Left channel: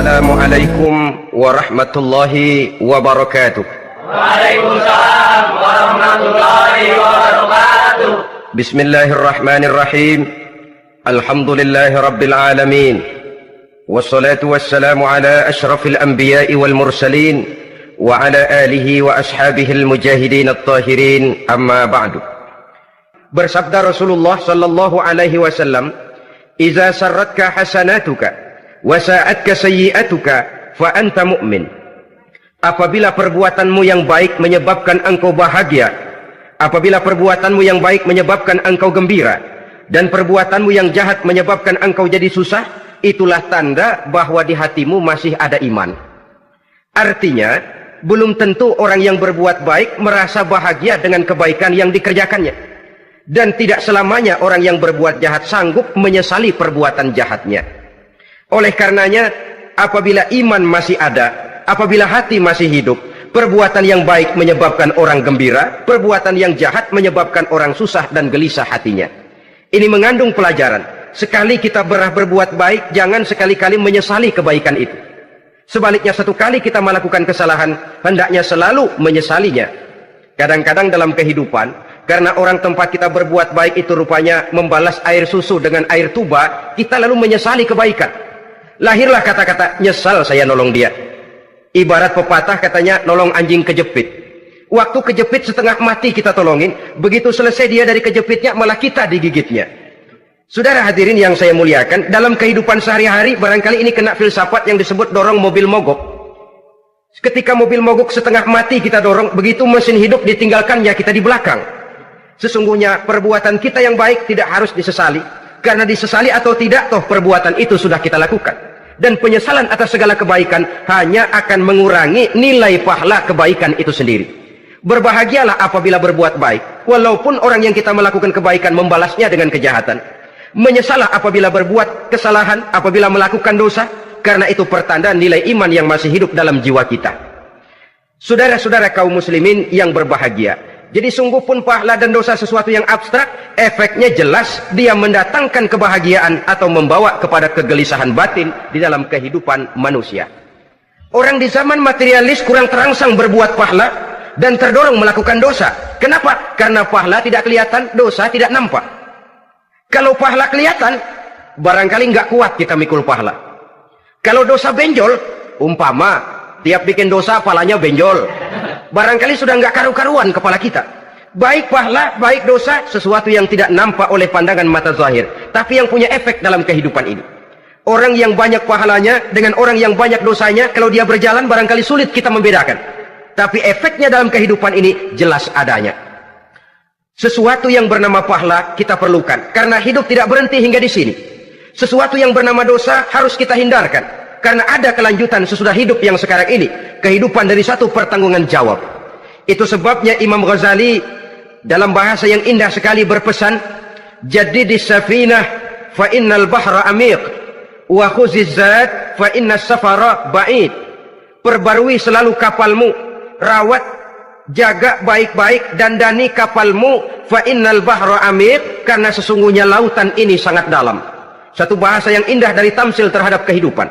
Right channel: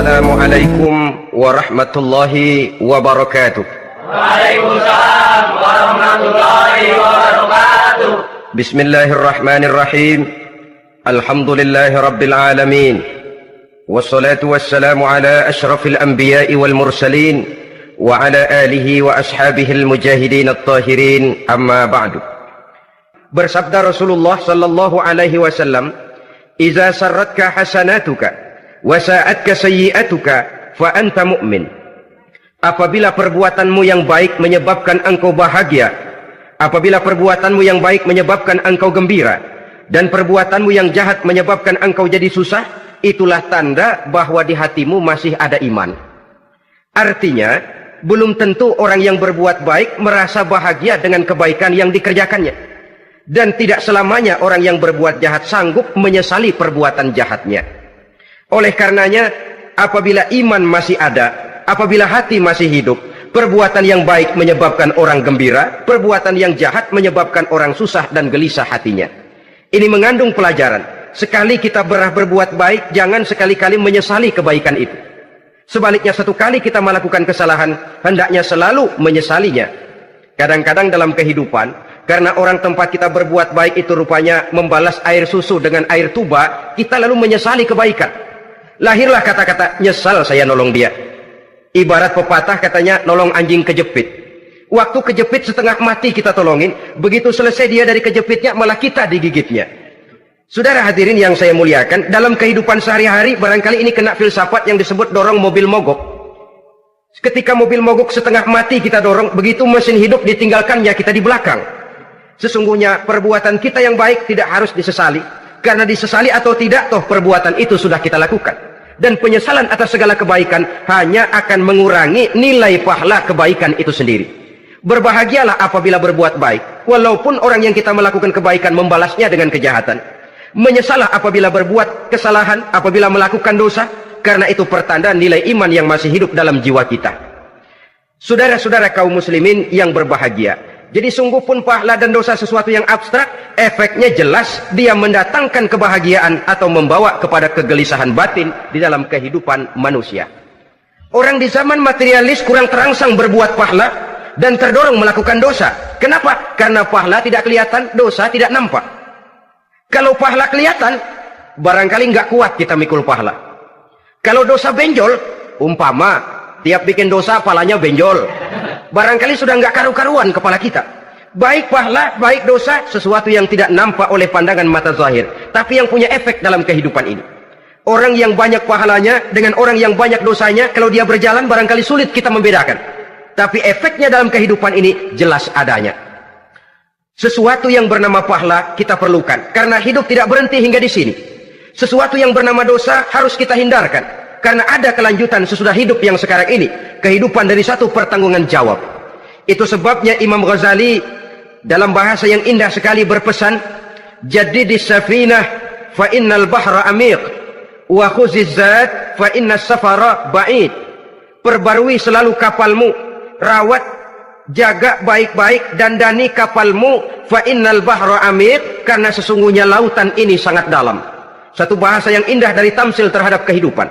Assalamualaikum warahmatullahi wabarakatuh. Waalaikumsalam warahmatullahi wabarakatuh. Bismillahirrahmanirrahim. Alhamdulillahi rabbil alamin. Wassalatu wassalamu ala ashrafil anbiya'i wal mursalin wa ala alihi wa ashabihil mujahidin at-tahirin, amma ba'du. Bersabda Rasulullah sallallahu alaihi wasallam, "Iza sarratka hasanatuka wa sa'atka sayyi'atuka fa anta mu'min." Apabila perbuatanmu yang baik menyebabkan engkau bahagia, apabila perbuatanmu yang baik menyebabkan engkau gembira, dan perbuatanmu yang jahat menyebabkan engkau jadi susah, itulah tanda bahwa di hatimu masih ada iman. Artinya, belum tentu orang yang berbuat baik merasa bahagia dengan kebaikan yang dikerjakannya. Dan tidak selamanya orang yang berbuat jahat sanggup menyesali perbuatan jahatnya. Oleh karenanya, apabila iman masih ada, apabila hati masih hidup, perbuatan yang baik menyebabkan orang gembira, perbuatan yang jahat menyebabkan orang susah dan gelisah hatinya. Ini mengandung pelajaran. Sekali kita berbuat baik, jangan sekali-kali menyesali kebaikan itu. Sebaliknya, satu kali kita melakukan kesalahan, hendaknya selalu menyesalinya. Kadang-kadang dalam kehidupan, karena orang tempat kita berbuat baik itu rupanya membalas air susu dengan air tuba, kita lalu menyesali kebaikan. Lahirlah kata-kata, "Nyesal saya nolong dia." Ibarat pepatah katanya, nolong anjing kejepit. Waktu kejepit setengah mati kita tolongin, begitu selesai dia dari kejepitnya, malah kita digigitnya. Saudara hadirin yang saya muliakan, dalam kehidupan sehari-hari barangkali ini kena filsafat yang disebut dorong mobil mogok. Ketika mobil mogok setengah mati kita dorong, begitu mesin hidup ditinggalkannya kita di belakang. Sesungguhnya perbuatan kita yang baik tidak harus disesali, karena disesali atau tidak, toh perbuatan itu sudah kita lakukan. Dan penyesalan atas segala kebaikan hanya akan mengurangi nilai pahala kebaikan itu sendiri. Berbahagialah apabila berbuat baik, walaupun orang yang kita melakukan kebaikan membalasnya dengan kejahatan. Menyesalah apabila berbuat kesalahan, apabila melakukan dosa, karena itu pertanda nilai iman yang masih hidup dalam jiwa kita. Saudara-saudara kaum muslimin yang berbahagia, jadi sungguh pun pahala dan dosa sesuatu yang abstrak, efeknya jelas dia mendatangkan kebahagiaan atau membawa kepada kegelisahan batin di dalam kehidupan manusia. Orang di zaman materialis kurang terangsang berbuat pahala dan terdorong melakukan dosa. Kenapa? Karena pahala tidak kelihatan, dosa tidak nampak. Kalau pahala kelihatan, barangkali nggak kuat kita mikul pahala. Kalau dosa benjol, umpama tiap bikin dosa palanya benjol, barangkali sudah nggak karu-karuan kepala kita. Baik pahala, baik dosa, sesuatu yang tidak nampak oleh pandangan mata zahir, tapi yang punya efek dalam kehidupan ini. Orang yang banyak pahalanya dengan orang yang banyak dosanya, kalau dia berjalan barangkali sulit kita membedakan. Tapi efeknya dalam kehidupan ini jelas adanya. Sesuatu yang bernama pahala kita perlukan, karena hidup tidak berhenti hingga di sini. Sesuatu yang bernama dosa harus kita hindarkan, karena ada kelanjutan sesudah hidup yang sekarang ini, kehidupan dari satu pertanggungan jawab. Itu sebabnya Imam Ghazali dalam bahasa yang indah sekali berpesan, "Jaddidis safinah fa innal bahra amiq wa khuziz zad fa innas safara ba'id." Perbarui selalu kapalmu, rawat, jaga baik-baik, dandani kapalmu, fa innal bahra amiq, karena sesungguhnya lautan ini sangat dalam. Satu bahasa yang indah dari tamsil terhadap kehidupan.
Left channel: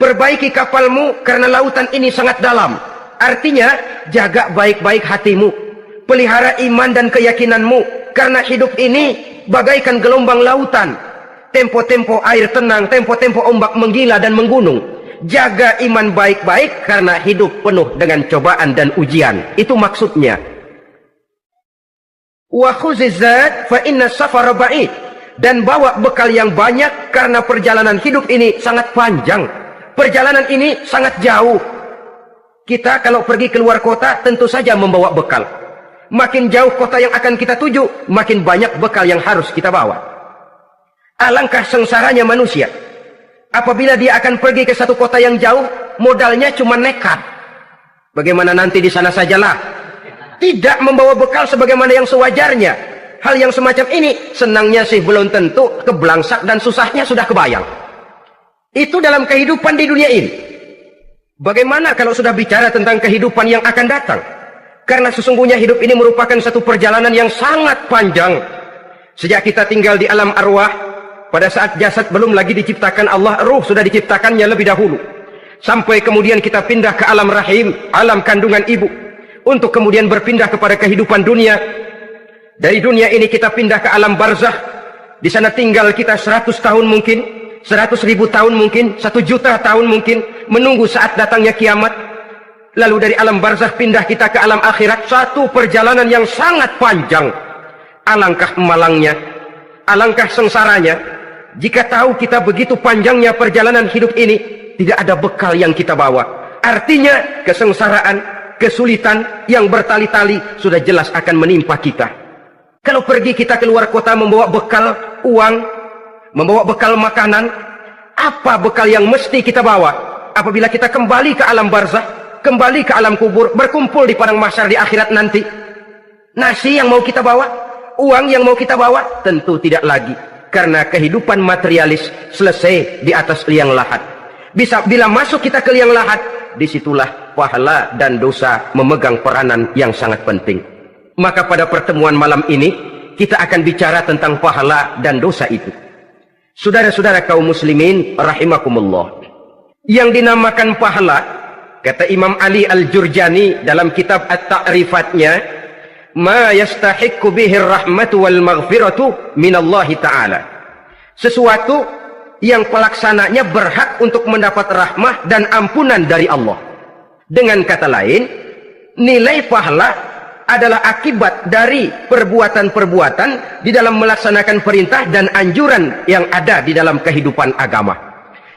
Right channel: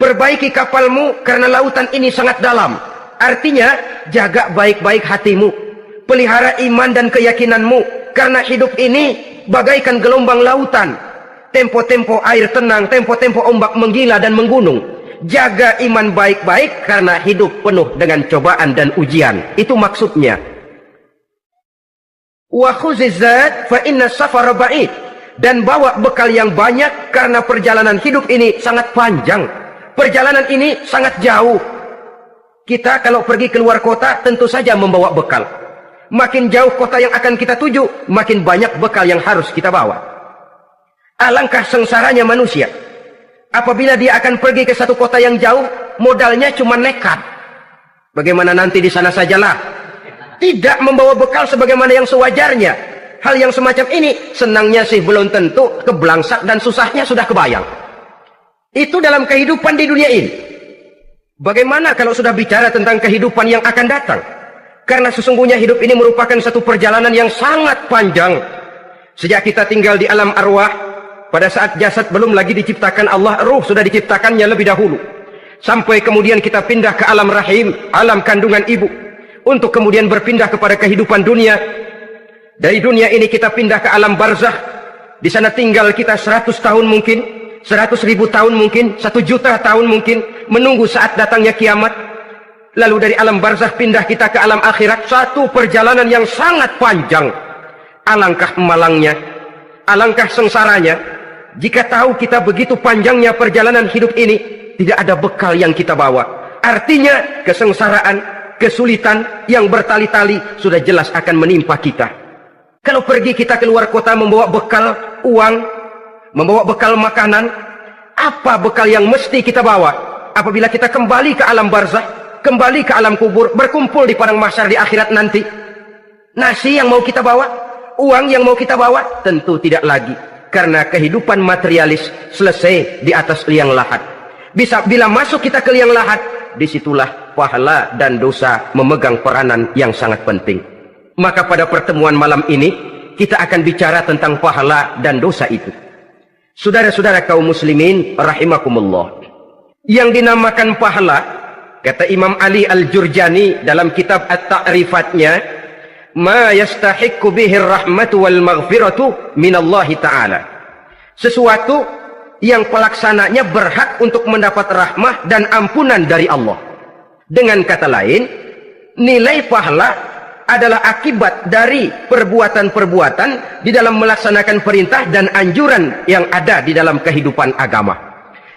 Perbaiki kapalmu karena lautan ini sangat dalam. Artinya, jaga baik-baik hatimu, pelihara iman dan keyakinanmu, karena hidup ini bagaikan gelombang lautan. Tempo-tempo air tenang, tempo-tempo ombak menggila dan menggunung. Jaga iman baik-baik karena hidup penuh dengan cobaan dan ujian. Itu maksudnya. Wa khuziz zad fa inna safara ba'id. Dan bawa bekal yang banyak karena perjalanan hidup ini sangat panjang. Perjalanan ini sangat jauh. Kita kalau pergi keluar kota tentu saja membawa bekal. Makin jauh kota yang akan kita tuju, makin banyak bekal yang harus kita bawa. Alangkah sengsaranya manusia apabila dia akan pergi ke satu kota yang jauh, modalnya cuma nekat. Bagaimana nanti di sana sajalah. Tidak membawa bekal sebagaimana yang sewajarnya. Hal yang semacam ini, senangnya sih belum tentu, keblangsak dan susahnya sudah kebayang. Itu dalam kehidupan di dunia ini. Bagaimana kalau sudah bicara tentang kehidupan yang akan datang? Karena sesungguhnya hidup ini merupakan satu perjalanan yang sangat panjang. Sejak kita tinggal di alam arwah, pada saat jasad belum lagi diciptakan Allah, ruh sudah diciptakannya lebih dahulu. sampai kemudian kita pindah ke alam rahim, alam kandungan ibu, untuk kemudian berpindah kepada kehidupan dunia. Dari dunia ini kita pindah ke alam barzakh. Di sana tinggal kita 100 tahun mungkin, 100.000 tahun mungkin, 1 juta tahun mungkin, menunggu saat datangnya kiamat. Lalu dari alam barzakh pindah kita ke alam akhirat, satu perjalanan yang sangat panjang. Alangkah malangnya, alangkah sengsaranya jika tahu kita begitu panjangnya perjalanan hidup ini, tidak ada bekal yang kita bawa. Artinya kesengsaraan, kesulitan yang bertali-tali sudah jelas akan menimpa kita. Kalau pergi kita keluar kota membawa bekal uang, membawa bekal makanan, apa bekal yang mesti kita bawa? Apabila kita kembali ke alam barzakh, kembali ke alam kubur, berkumpul di padang mahsyar di akhirat nanti, nasi yang mau kita bawa, uang yang mau kita bawa? Tentu tidak lagi, karena kehidupan materialis selesai di atas liang lahat. Bila masuk kita ke liang lahat, disitulah pahala dan dosa memegang peranan yang sangat penting. Maka pada pertemuan malam ini kita akan bicara tentang pahala dan dosa itu. Saudara-saudara kaum muslimin rahimakumullah, yang dinamakan pahala, kata Imam Ali Al-Jurjani dalam kitab At-Ta'rifatnya, ma yastahiqqu bihi rahmatu wal maghfiratu minallahi ta'ala, sesuatu yang pelaksananya berhak untuk mendapat rahmah dan ampunan dari Allah. Dengan kata lain, nilai pahala adalah akibat dari perbuatan-perbuatan di dalam melaksanakan perintah dan anjuran yang ada di dalam kehidupan agama.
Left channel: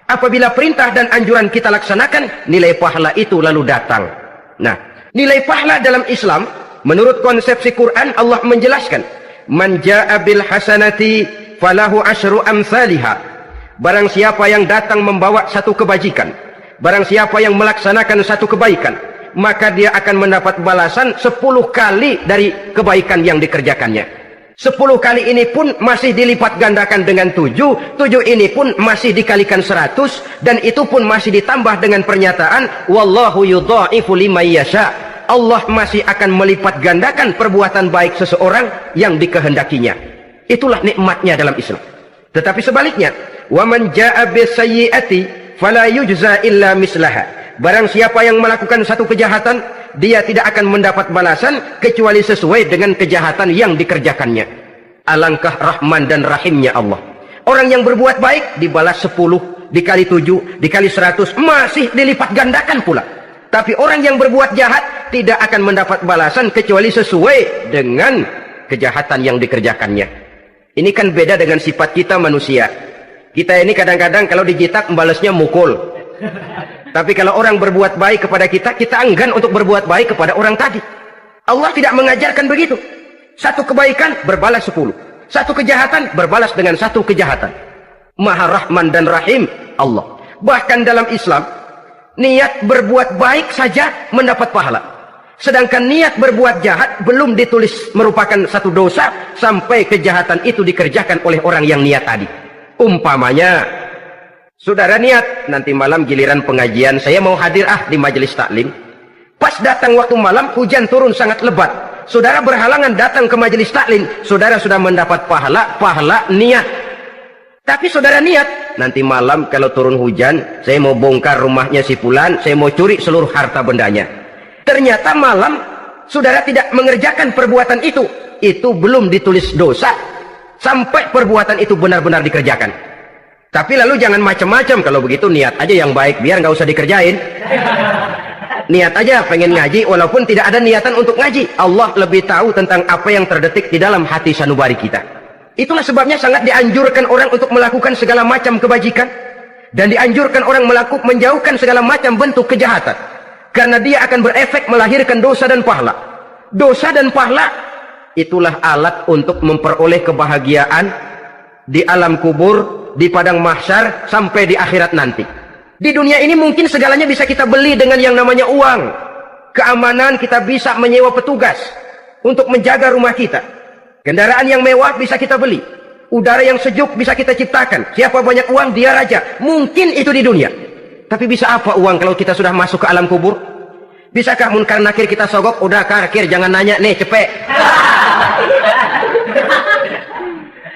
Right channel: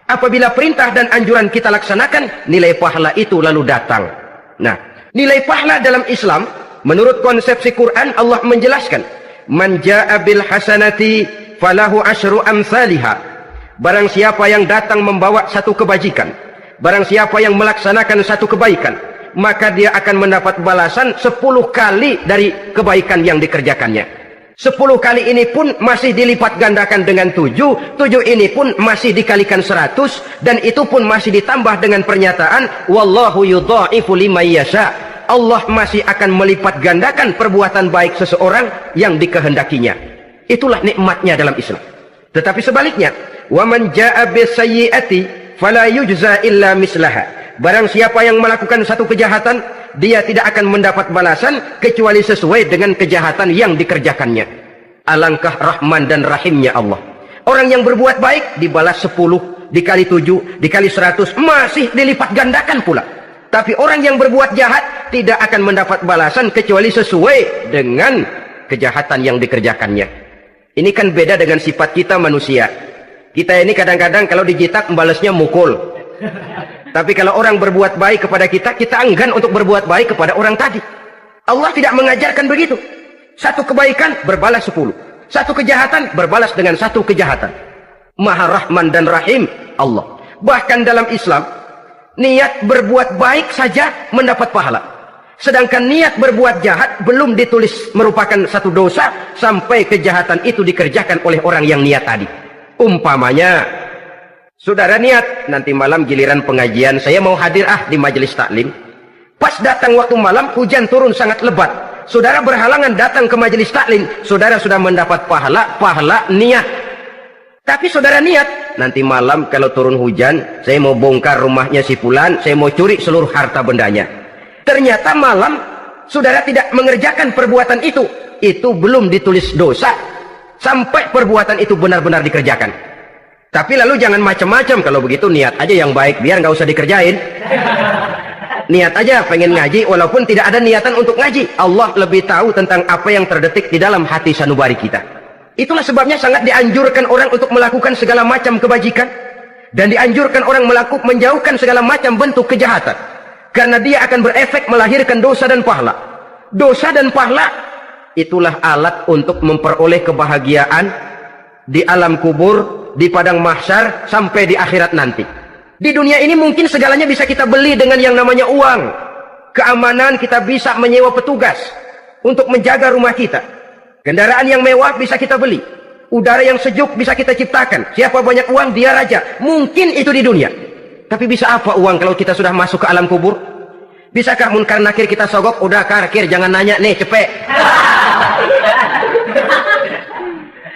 Apabila perintah dan anjuran kita laksanakan, nilai pahala itu lalu datang. Nah, nilai pahala dalam Islam, menurut konsepsi Quran, Allah menjelaskan, man jaa bil hasanati falahu asyru amsalihha. Barang siapa yang datang membawa satu kebajikan, barang siapa yang melaksanakan satu kebaikan, maka dia akan mendapat balasan 10 kali dari kebaikan yang dikerjakannya. 10 kali ini pun masih dilipat gandakan dengan 7 ini pun masih dikalikan 100, dan itu pun masih ditambah dengan pernyataan wallahu yudha'ifu liman yasha. Allah masih akan melipat gandakan perbuatan baik seseorang yang dikehendakinya. Itulah nikmatnya dalam Islam. Tetapi sebaliknya, wa man jaa'a bisayyi'ati fala yujza illa mislaha. Barang siapa yang melakukan satu kejahatan, dia tidak akan mendapat balasan kecuali sesuai dengan kejahatan yang dikerjakannya. Alangkah rahman dan rahimnya Allah. Orang yang berbuat baik dibalas 10, dikali 7, dikali 100, masih dilipat gandakan pula. Tapi orang yang berbuat jahat tidak akan mendapat balasan kecuali sesuai dengan kejahatan yang dikerjakannya. Ini kan beda dengan sifat kita manusia. Kita ini kadang-kadang kalau dijitak membalasnya mukul. Tapi kalau orang berbuat baik kepada kita, kita enggan untuk berbuat baik kepada orang tadi. Allah tidak mengajarkan begitu. Satu kebaikan berbalas 10. Satu kejahatan berbalas dengan satu kejahatan. Maha Rahman dan Rahim Allah. Bahkan dalam Islam, niat berbuat baik saja mendapat pahala. Sedangkan niat berbuat jahat belum ditulis merupakan satu dosa sampai kejahatan itu dikerjakan oleh orang yang niat tadi. Umpamanya, saudara niat, nanti malam giliran pengajian, saya mau hadir di majelis taklim. Pas datang waktu malam, hujan turun sangat lebat. Saudara berhalangan datang ke majelis taklim, saudara sudah mendapat pahala niat. Tapi saudara niat, nanti malam kalau turun hujan, saya mau bongkar rumahnya si fulan, saya mau curi seluruh harta bendanya. Ternyata malam, saudara tidak mengerjakan perbuatan itu belum ditulis dosa, sampai perbuatan itu benar-benar dikerjakan. Tapi lalu jangan macam-macam. Kalau begitu niat aja yang baik, biar nggak usah dikerjain. Niat aja pengen ngaji walaupun tidak ada niatan untuk ngaji. Allah lebih tahu tentang apa yang terdetik di dalam hati sanubari kita. Itulah sebabnya sangat dianjurkan orang untuk melakukan segala macam kebajikan, dan dianjurkan orang menjauhkan segala macam bentuk kejahatan, karena dia akan berefek melahirkan dosa dan pahala. Dosa dan pahala itulah alat untuk memperoleh kebahagiaan di alam kubur, di padang mahsyar, sampai di akhirat nanti. Di dunia ini mungkin segalanya bisa kita beli dengan yang namanya uang. Keamanan kita bisa menyewa petugas untuk menjaga rumah kita. Kendaraan yang mewah bisa kita beli. Udara yang sejuk bisa kita ciptakan. Siapa banyak uang, dia raja. Mungkin itu di dunia. Tapi bisa apa uang kalau kita sudah masuk ke alam kubur? Bisakah munkar nakir kita sogok? Udah karkir, jangan nanya, nih cepet.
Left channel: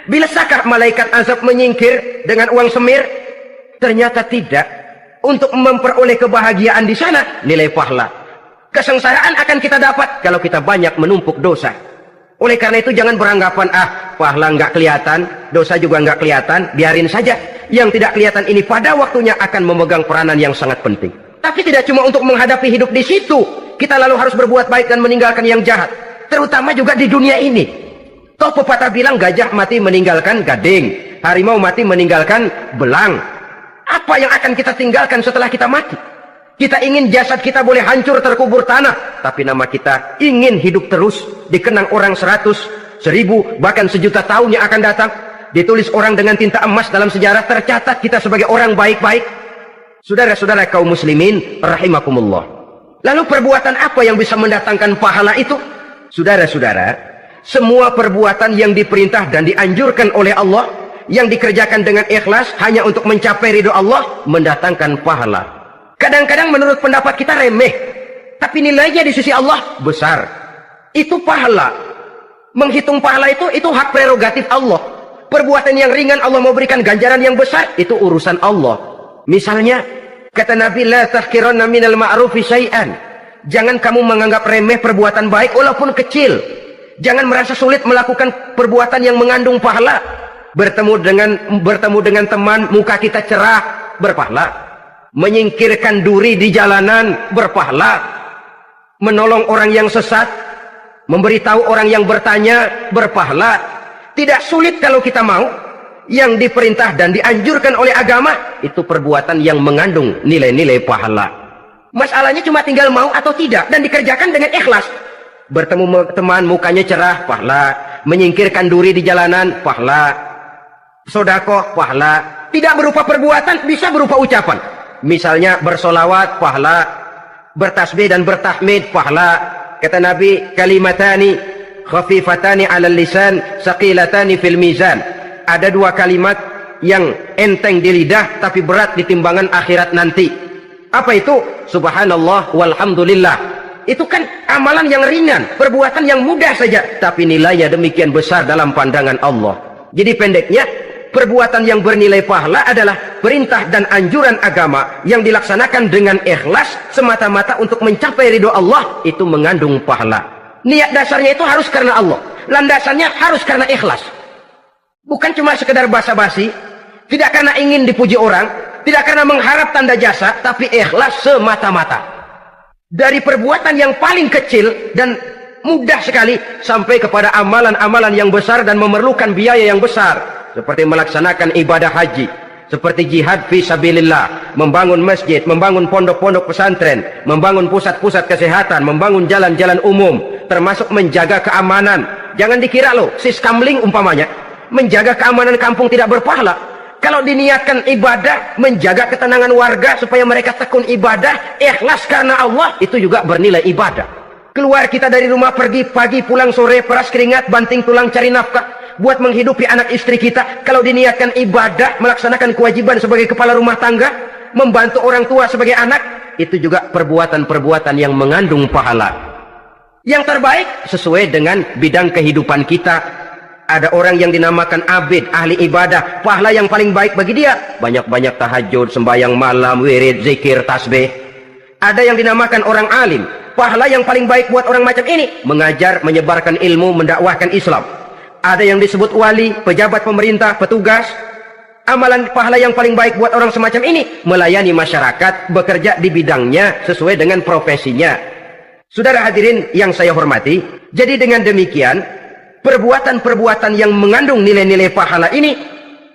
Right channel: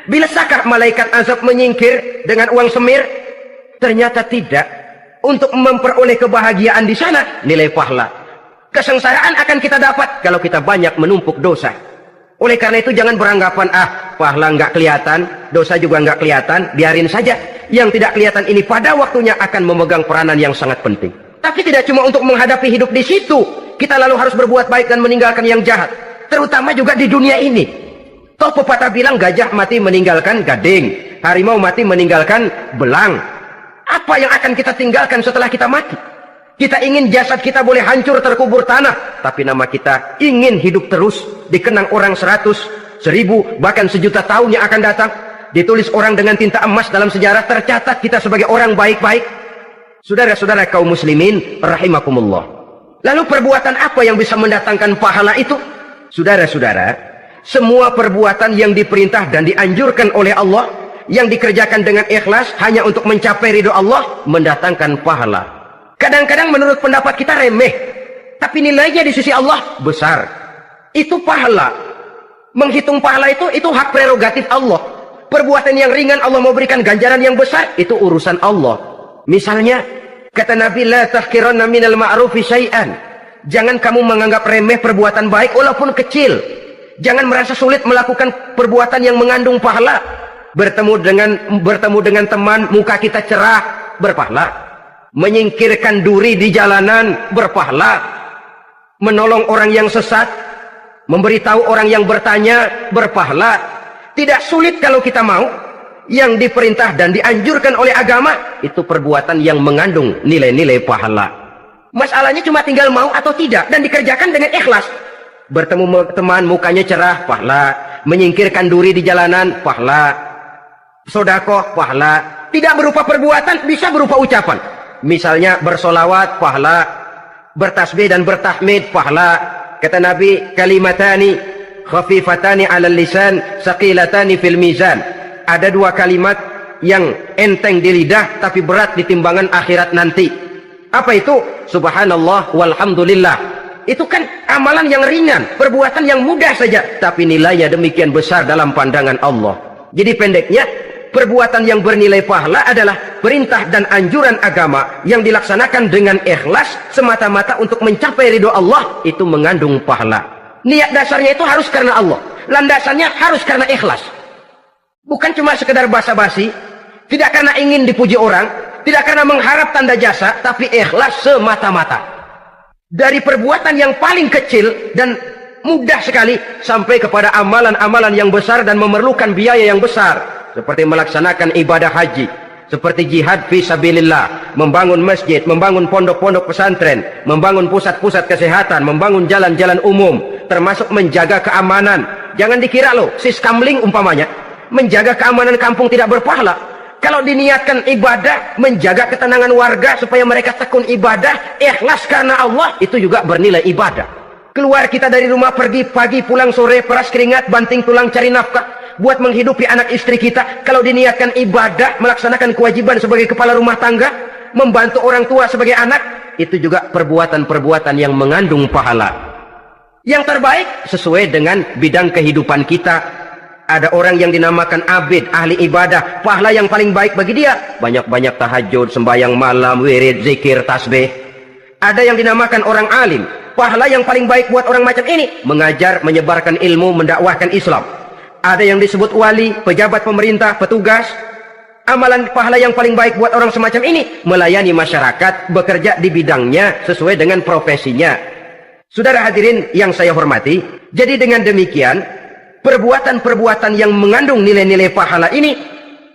Bisakah malaikat azab menyingkir dengan uang semir? Ternyata tidak. untuk memperoleh kebahagiaan di sana, nilai pahala. Kesengsaraan akan kita dapat kalau kita banyak menumpuk dosa. Oleh karena itu jangan beranggapan, pahala nggak kelihatan, dosa juga nggak kelihatan, biarin saja. Yang tidak kelihatan ini pada waktunya akan memegang peranan yang sangat penting. Tapi tidak cuma untuk menghadapi hidup di situ, kita lalu harus berbuat baik dan meninggalkan yang jahat. Terutama juga di dunia ini. Toh pepatah bilang gajah mati meninggalkan gading, harimau mati meninggalkan belang. Apa yang akan kita tinggalkan setelah kita mati? Kita ingin jasad kita boleh hancur terkubur tanah, tapi nama kita ingin hidup terus, dikenang orang 100, 1000, bahkan 1.000.000 tahun yang akan datang. Ditulis orang dengan tinta emas dalam sejarah, tercatat kita sebagai orang baik-baik. Saudara-saudara kaum muslimin rahimakumullah. Lalu perbuatan apa yang bisa mendatangkan pahala itu? Saudara-saudara, semua perbuatan yang diperintah dan dianjurkan oleh Allah, yang dikerjakan dengan ikhlas hanya untuk mencapai ridho Allah, mendatangkan pahala. Kadang-kadang menurut pendapat kita remeh, tapi nilainya di sisi Allah besar. Itu pahala. Menghitung pahala itu hak prerogatif Allah. Perbuatan yang ringan Allah mau berikan ganjaran yang besar, itu urusan Allah. Misalnya, kata Nabi, la tahqiranna minal ma'rufi syai'an. Jangan kamu menganggap remeh perbuatan baik walaupun kecil. Jangan merasa sulit melakukan perbuatan yang mengandung pahala. Bertemu dengan teman, muka kita cerah, berpahala. Menyingkirkan duri di jalanan, berpahala. Menolong orang yang sesat, memberitahu orang yang bertanya, berpahala. Tidak sulit kalau kita mau. Yang diperintah dan dianjurkan oleh agama, itu perbuatan yang mengandung nilai-nilai pahala. Masalahnya cuma tinggal mau atau tidak, dan dikerjakan dengan ikhlas. Bertemu teman, mukanya cerah, pahala. Menyingkirkan duri di jalanan, pahala. Sedekah, pahala. Tidak berupa perbuatan, bisa berupa ucapan. Misalnya bersolawat, pahala. Bertasbih dan bertahmid, pahala. Kata Nabi, kalimatani khafifatani 'alal lisan, saqilatani fil mizan. Ada dua kalimat yang enteng di lidah tapi berat di timbangan akhirat nanti. Apa itu? Subhanallah walhamdulillah. Itu kan amalan yang ringan, perbuatan yang mudah saja, tapi nilainya demikian besar dalam pandangan Allah. Jadi pendeknya, perbuatan yang bernilai pahala adalah perintah dan anjuran agama yang dilaksanakan dengan ikhlas semata-mata untuk mencapai ridho Allah, itu mengandung pahala. Niat dasarnya itu harus karena Allah, landasannya harus karena ikhlas. Bukan cuma sekedar basa-basi, tidak karena ingin dipuji orang, tidak karena mengharap tanda jasa, tapi ikhlas semata-mata. Dari perbuatan yang paling kecil dan mudah sekali sampai kepada amalan-amalan yang besar dan memerlukan biaya yang besar, seperti melaksanakan ibadah haji, seperti jihad fi sabilillah, membangun masjid, membangun pondok-pondok pesantren, membangun pusat-pusat kesehatan, membangun jalan-jalan umum, termasuk menjaga keamanan. Jangan dikira loh, siskamling umpamanya, menjaga keamanan kampung tidak berpahala. Kalau diniatkan ibadah, menjaga ketenangan warga supaya mereka tekun ibadah, ikhlas karena Allah, itu juga bernilai ibadah. Keluar kita dari rumah, pergi pagi, pulang sore, peras keringat, banting tulang cari nafkah buat menghidupi anak istri kita. Kalau diniatkan ibadah, melaksanakan kewajiban sebagai kepala rumah tangga, membantu orang tua sebagai anak, itu juga perbuatan-perbuatan yang mengandung pahala. Yang terbaik sesuai dengan bidang kehidupan kita. Ada orang yang dinamakan abid, ahli ibadah, pahala yang paling baik bagi dia banyak-banyak tahajud, sembahyang malam, wirid, zikir, tasbih. Ada yang dinamakan orang alim, pahala yang paling baik buat orang macam ini mengajar, menyebarkan ilmu, mendakwahkan Islam. Ada yang disebut wali, pejabat pemerintah, petugas. Amalan pahala yang paling baik buat orang semacam ini melayani masyarakat, bekerja di bidangnya sesuai dengan profesinya. Saudara hadirin yang saya hormati, jadi dengan demikian perbuatan-perbuatan yang mengandung nilai-nilai pahala ini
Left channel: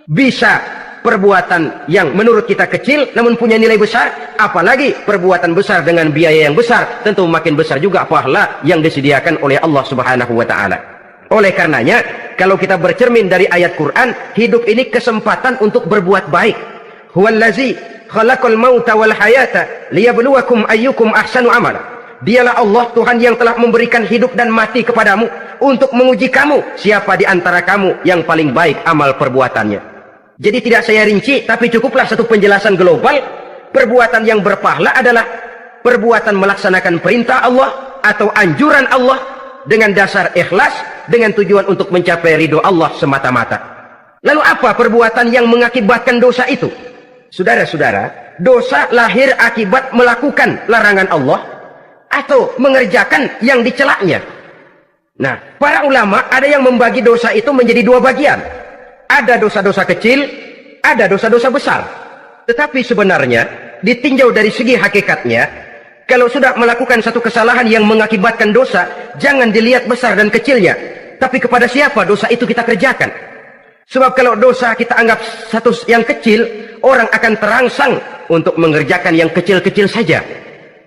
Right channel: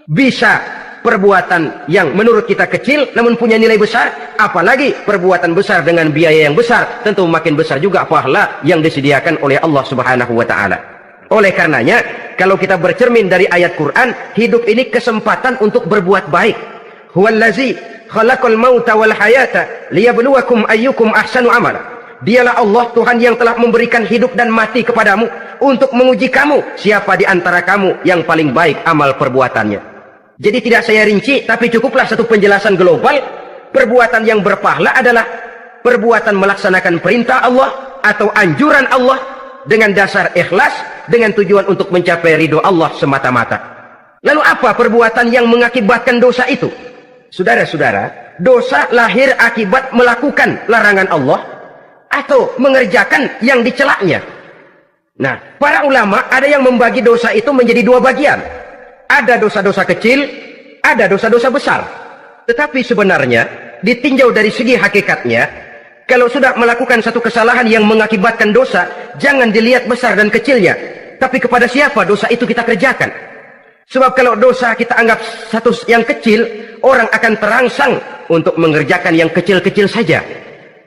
bisa perbuatan yang menurut kita kecil namun punya nilai besar, apalagi perbuatan besar dengan biaya yang besar, tentu makin besar juga pahala yang disediakan oleh Allah Subhanahu wa taala. Oleh karenanya, kalau kita bercermin dari ayat Quran, hidup ini kesempatan untuk berbuat baik. Huwallazi khalaqal mauta wal hayata liyabluwakum ayyukum ahsanu amala. Dialah Allah Tuhan yang telah memberikan hidup dan mati kepadamu untuk menguji kamu siapa di antara kamu yang paling baik amal perbuatannya. Jadi tidak saya rinci, tapi cukuplah satu penjelasan global. Perbuatan yang berpahala adalah perbuatan melaksanakan perintah Allah atau anjuran Allah dengan dasar ikhlas, dengan tujuan untuk mencapai ridho Allah semata-mata. Lalu apa perbuatan yang mengakibatkan dosa itu? Saudara-saudara, dosa lahir akibat melakukan larangan Allah atau mengerjakan yang dicelaknya. Nah, para ulama ada yang membagi dosa itu menjadi dua bagian. Ada dosa-dosa kecil, ada dosa-dosa besar. Tetapi sebenarnya ditinjau dari segi hakikatnya, kalau sudah melakukan satu kesalahan yang mengakibatkan dosa, jangan dilihat besar dan kecilnya, tapi kepada siapa dosa itu kita kerjakan. Sebab kalau dosa kita anggap satu yang kecil, orang akan terangsang untuk mengerjakan yang kecil-kecil saja.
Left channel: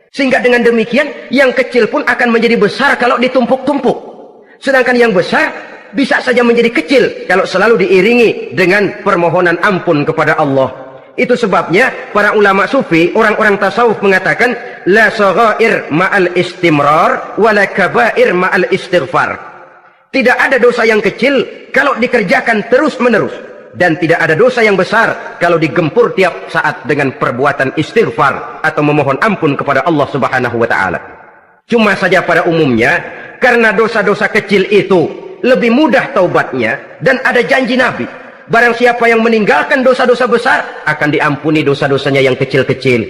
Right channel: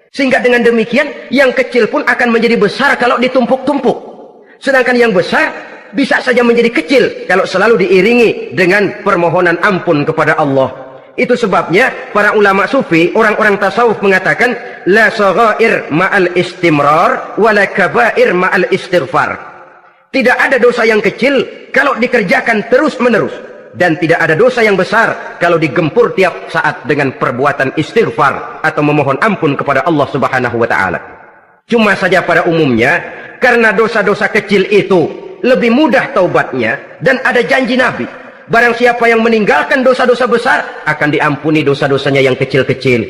Sehingga dengan demikian, yang kecil pun akan menjadi besar kalau ditumpuk-tumpuk. Sedangkan yang besar bisa saja menjadi kecil kalau selalu diiringi dengan permohonan ampun kepada Allah. Itu sebabnya para ulama sufi, orang-orang tasawuf mengatakan, la saghair ma'al istimrar, wala kabair ma'al istighfar. Tidak ada dosa yang kecil kalau dikerjakan terus-menerus. Dan tidak ada dosa yang besar kalau digempur tiap saat dengan perbuatan istighfar atau memohon ampun kepada Allah Subhanahu wa Ta'ala. Cuma saja pada umumnya, karena dosa-dosa kecil itu lebih mudah taubatnya, dan ada janji Nabi, barang siapa yang meninggalkan dosa-dosa besar akan diampuni dosa-dosanya yang kecil-kecil.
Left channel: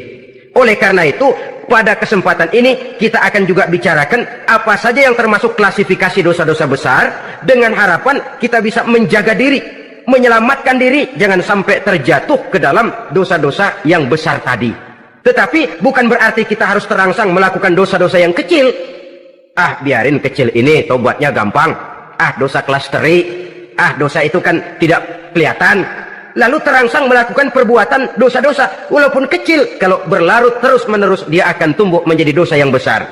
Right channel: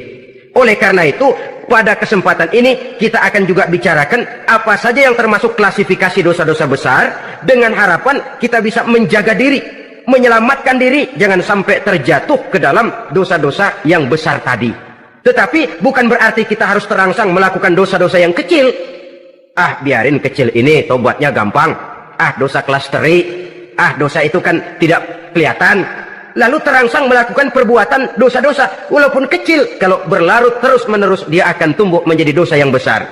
Oleh karena itu, pada kesempatan ini kita akan juga bicarakan apa saja yang termasuk klasifikasi dosa-dosa besar, dengan harapan kita bisa menjaga diri, menyelamatkan diri, jangan sampai terjatuh ke dalam dosa-dosa yang besar tadi. Tetapi bukan berarti kita harus terangsang melakukan dosa-dosa yang kecil. Ah, biarin kecil ini, tobatnya gampang. Ah, dosa kelas teri. Ah, dosa itu kan tidak kelihatan. Lalu terangsang melakukan perbuatan dosa-dosa walaupun kecil, kalau berlarut terus-menerus dia akan tumbuh menjadi dosa yang besar.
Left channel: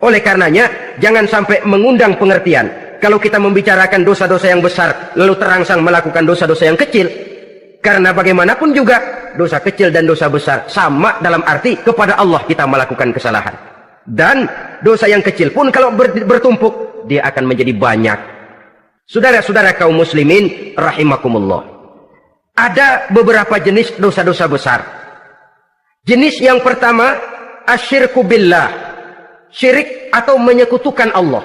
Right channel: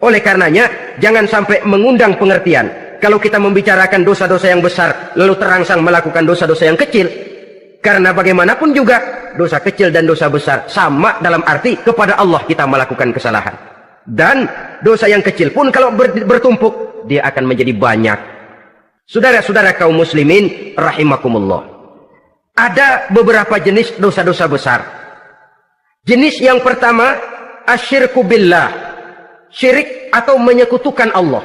Oleh karenanya, jangan sampai mengundang pengertian kalau kita membicarakan dosa-dosa yang besar lalu terangsang melakukan dosa-dosa yang kecil. Karena bagaimanapun juga dosa kecil dan dosa besar sama dalam arti kepada Allah kita melakukan kesalahan. Dan dosa yang kecil pun kalau bertumpuk dia akan menjadi banyak. Saudara-saudara kaum muslimin rahimakumullah, ada beberapa jenis dosa-dosa besar. Jenis yang pertama, asyirku billah, syirik atau menyekutukan Allah.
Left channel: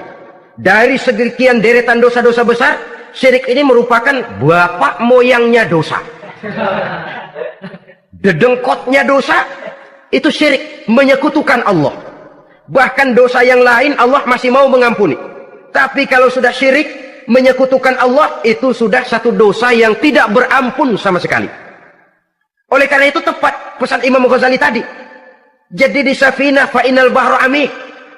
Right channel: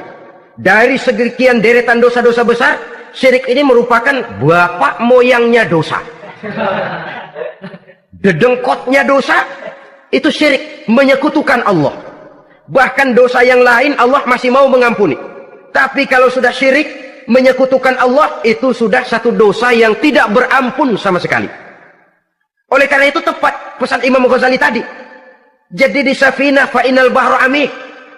Dari sekian deretan dosa-dosa besar, syirik ini merupakan bapak moyangnya dosa. Dedengkotnya dosa itu syirik, menyekutukan Allah. Bahkan dosa yang lain Allah masih mau mengampuni. Tapi kalau sudah syirik, menyekutukan Allah, itu sudah satu dosa yang tidak berampun sama sekali. Oleh karena itu tepat pesan Imam Ghazali tadi. Jadi di safinah fa inal bahru amik.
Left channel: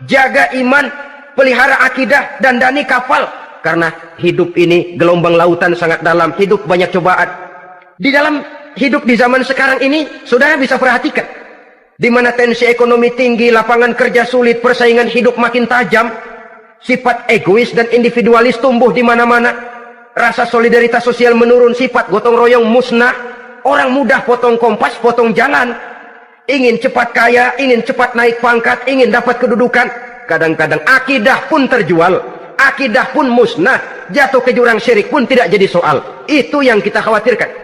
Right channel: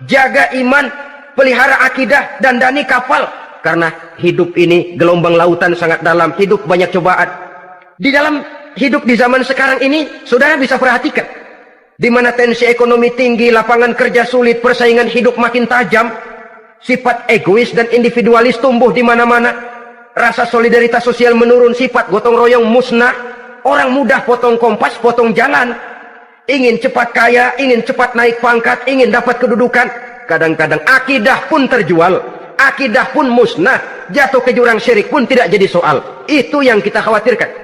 Jaga iman, pelihara akidah, dandani kapal. Karena hidup ini gelombang lautan sangat dalam, hidup banyak cobaan. Di dalam hidup di zaman sekarang ini, saudara bisa perhatikan, di mana tensi ekonomi tinggi, lapangan kerja sulit, persaingan hidup makin tajam, sifat egois dan individualis tumbuh di mana-mana, rasa solidaritas sosial menurun, sifat gotong royong musnah, orang mudah potong kompas, potong jalan, ingin cepat kaya, ingin cepat naik pangkat, ingin dapat kedudukan. Kadang-kadang akidah pun terjual, akidah pun musnah, jatuh ke jurang syirik pun tidak jadi soal. Itu yang kita khawatirkan.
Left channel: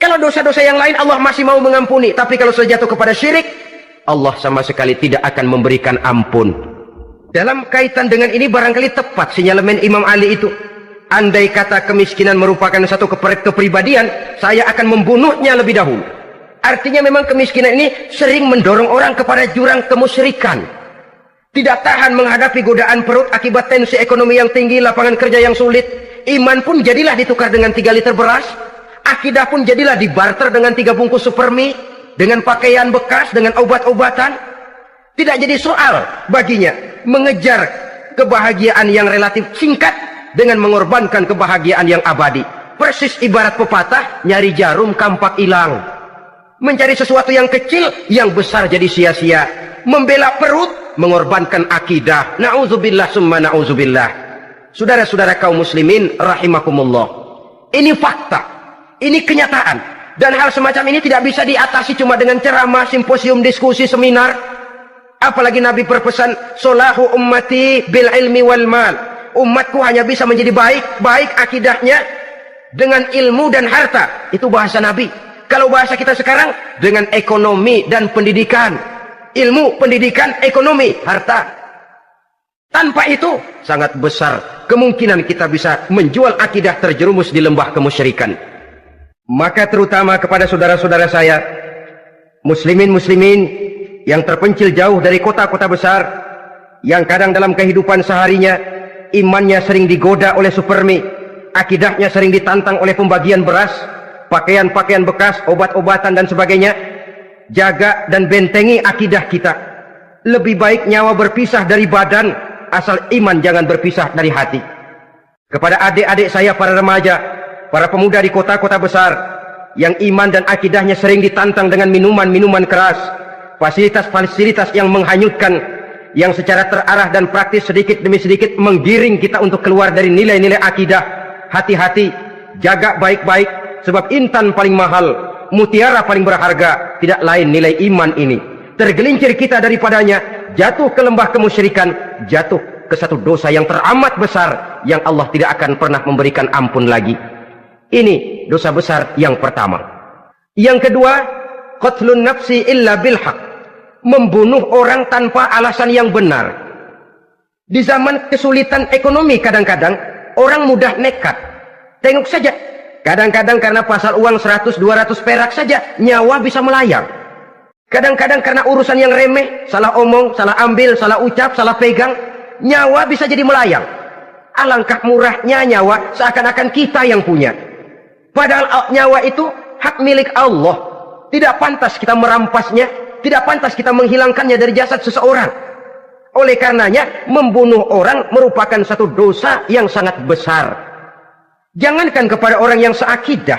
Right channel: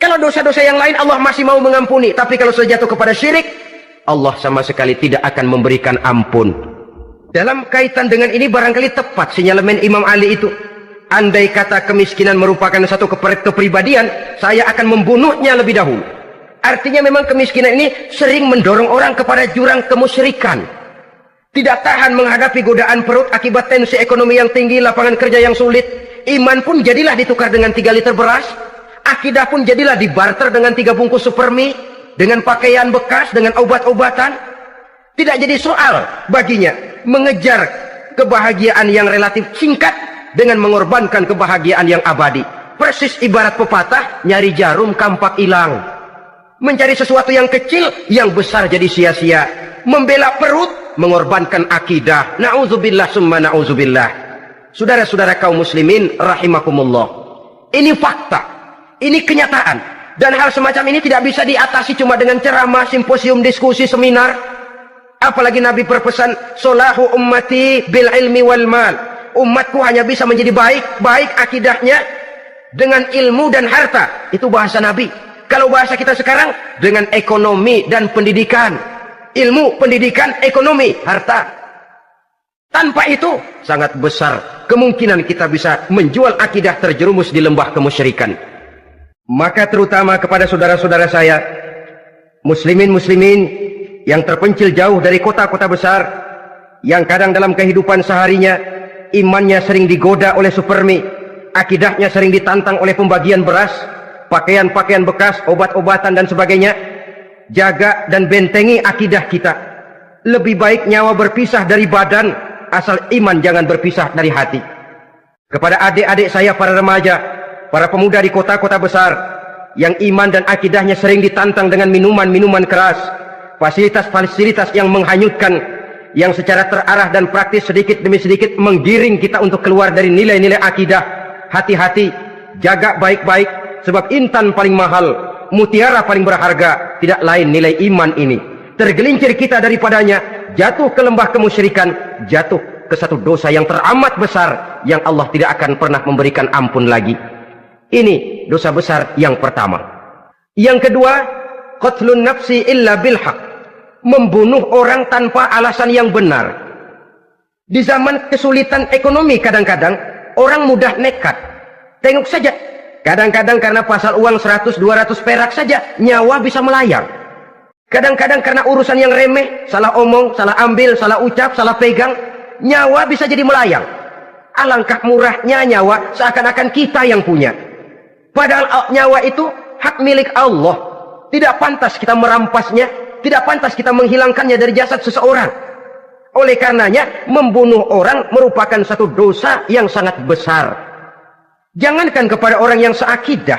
Kalau dosa-dosa yang lain Allah masih mau mengampuni, tapi kalau sudah jatuh kepada syirik, Allah sama sekali tidak akan memberikan ampun. Dalam kaitan dengan ini barangkali tepat sinyalemen Imam Ali itu. Andai kata kemiskinan merupakan satu kepribadian, saya akan membunuhnya lebih dahulu. Artinya memang kemiskinan ini sering mendorong orang kepada jurang kemusyrikan. Tidak tahan menghadapi godaan perut akibat tensi ekonomi yang tinggi, lapangan kerja yang sulit. Iman pun jadilah ditukar dengan 3 liter beras. Akidah pun jadilah dibarter dengan 3 bungkus supermi, dengan pakaian bekas, dengan obat-obatan. Tidak jadi soal baginya mengejar kebahagiaan yang relatif singkat dengan mengorbankan kebahagiaan yang abadi. Persis ibarat pepatah, nyari jarum kampak hilang. Mencari sesuatu yang kecil, yang besar jadi sia-sia. Membela perut, mengorbankan akidah. Na'udzubillah summa na'udzubillah. Saudara-saudara kaum muslimin rahimakumullah, ini fakta, ini kenyataan. Dan hal semacam ini tidak bisa diatasi cuma dengan ceramah, simposium, diskusi, seminar. Apalagi Nabi berpesan, solahu ummati bil ilmi wal mal. Umatku hanya bisa menjadi baik akidahnya dengan ilmu dan harta. Itu bahasa Nabi. Kalau bahasa kita sekarang, dengan ekonomi dan pendidikan. Ilmu, pendidikan, ekonomi, harta. Tanpa itu sangat besar kemungkinan kita bisa menjual akidah terjerumus di lembah kemusyrikan. Maka terutama kepada saudara-saudara saya, muslimin yang terpencil jauh dari kota-kota besar, yang kadang dalam kehidupan seharinya imannya sering digoda oleh supermi, akidahnya sering ditantang oleh pembagian beras, pakaian-pakaian bekas, obat-obatan dan sebagainya. Jaga dan bentengi akidah kita. Lebih baik nyawa berpisah dari badan, asal iman jangan berpisah dari hati. Kepada adik-adik saya para remaja, para pemuda di kota-kota besar, yang iman dan akidahnya sering ditantang dengan minuman-minuman keras, fasilitas-fasilitas yang menghanyutkan, yang secara terarah dan praktis sedikit demi sedikit menggiring kita untuk keluar dari nilai-nilai akidah. Hati-hati, jaga baik-baik, sebab intan paling mahal, mutiara paling berharga, tidak lain nilai iman ini. Tergelincir kita daripadanya, jatuh ke lembah kemusyrikan, jatuh ke satu dosa yang teramat besar, yang Allah tidak akan pernah memberikan ampun lagi. Ini dosa besar yang pertama. Yang kedua, qatlun nafsi illa bilhaq, membunuh orang tanpa alasan yang benar. Di zaman kesulitan ekonomi kadang-kadang orang mudah nekat. Tengok saja, kadang-kadang karena pasal uang 100-200 perak saja nyawa bisa melayang. Kadang-kadang karena urusan yang remeh, salah omong, salah ambil, salah ucap, salah pegang, nyawa bisa jadi melayang. Alangkah murahnya nyawa, seakan-akan kita yang punya. Padahal nyawa itu hak milik Allah. Tidak pantas kita merampasnya, tidak pantas kita menghilangkannya dari jasad seseorang. Oleh karenanya, membunuh orang merupakan satu dosa yang sangat besar. Jangankan kepada orang yang seakidah,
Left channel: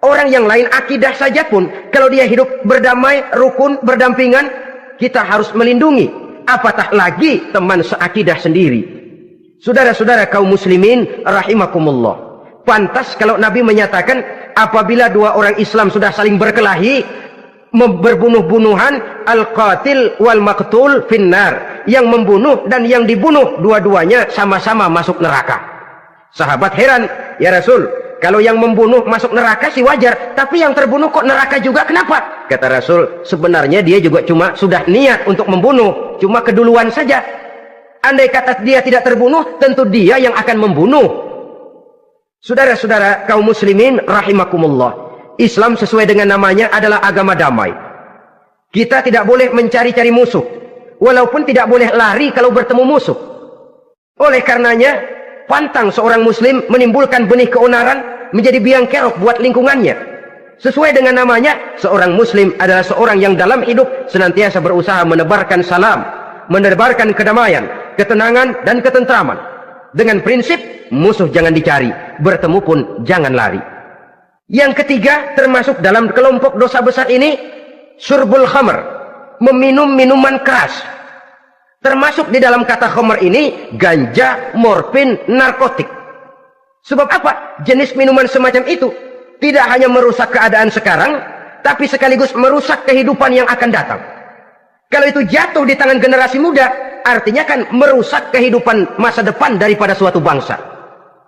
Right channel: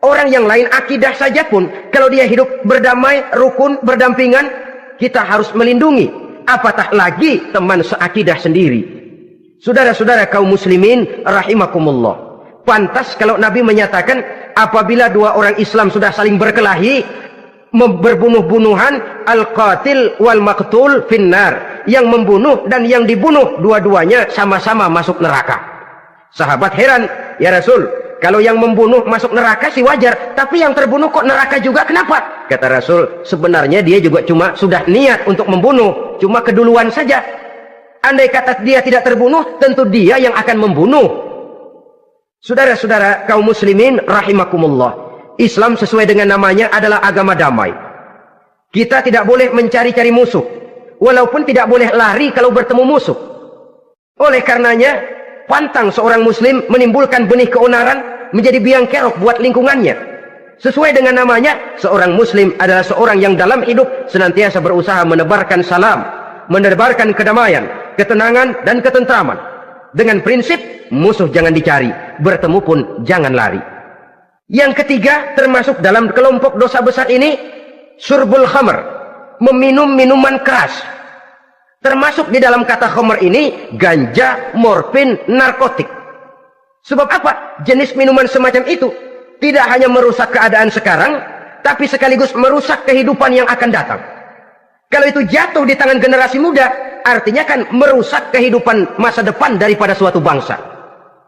orang yang lain akidah saja pun, kalau dia hidup berdamai, rukun, berdampingan, kita harus melindungi. Apatah lagi teman seakidah sendiri. Saudara-saudara kaum muslimin rahimakumullah, pantas kalau Nabi menyatakan apabila dua orang Islam sudah saling berkelahi, berbunuh-bunuhan, al-qatil wal maqtul finnar, yang membunuh dan yang dibunuh dua-duanya sama-sama masuk neraka. Sahabat heran, ya Rasul, kalau yang membunuh masuk neraka sih wajar, tapi yang terbunuh kok neraka juga, kenapa? Kata Rasul, sebenarnya dia juga cuma sudah niat untuk membunuh, cuma keduluan saja. Andai kata dia tidak terbunuh, tentu dia yang akan membunuh. Saudara-saudara kaum muslimin rahimakumullah, Islam sesuai dengan namanya adalah agama damai. Kita tidak boleh mencari-cari musuh, walaupun tidak boleh lari kalau bertemu musuh. Oleh karenanya, pantang seorang muslim menimbulkan benih keonaran menjadi biang kerok buat lingkungannya. Sesuai dengan namanya, seorang muslim adalah seorang yang dalam hidup senantiasa berusaha menebarkan salam, menebarkan kedamaian, ketenangan dan ketentraman. Dengan prinsip musuh jangan dicari, bertemu pun jangan lari. Yang ketiga, termasuk dalam kelompok dosa besar ini, syurbul khamr, meminum minuman keras. Termasuk di dalam kata khamr ini ganja, morfin, narkotik. Sebab apa? Jenis minuman semacam itu tidak hanya merusak keadaan sekarang, tapi sekaligus merusak kehidupan yang akan datang. Kalau itu jatuh di tangan generasi muda, artinya kan merusak kehidupan masa depan daripada suatu bangsa.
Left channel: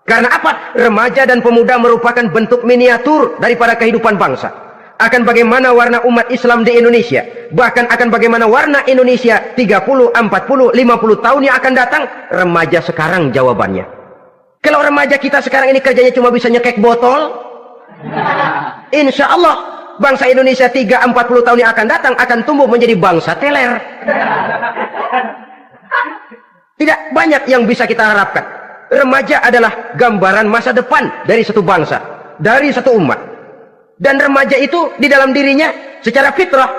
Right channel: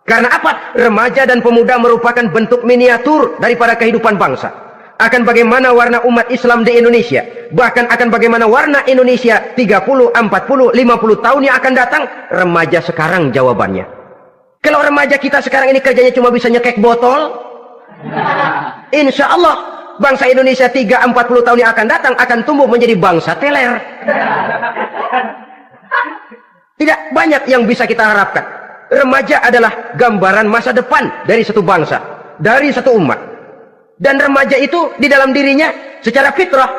Karena apa? Remaja dan pemuda merupakan bentuk miniatur daripada kehidupan bangsa. Akan bagaimana warna umat Islam di Indonesia, bahkan akan bagaimana warna Indonesia 30, 40, 50 tahun yang akan datang, remaja sekarang jawabannya. Kalau remaja kita sekarang ini kerjanya cuma bisa nyekek botol, insya Allah bangsa Indonesia 30-40 tahun yang akan datang akan tumbuh menjadi bangsa teler. Tidak banyak yang bisa kita harapkan. Remaja adalah gambaran masa depan dari satu bangsa, dari satu umat. Dan remaja itu di dalam dirinya secara fitrah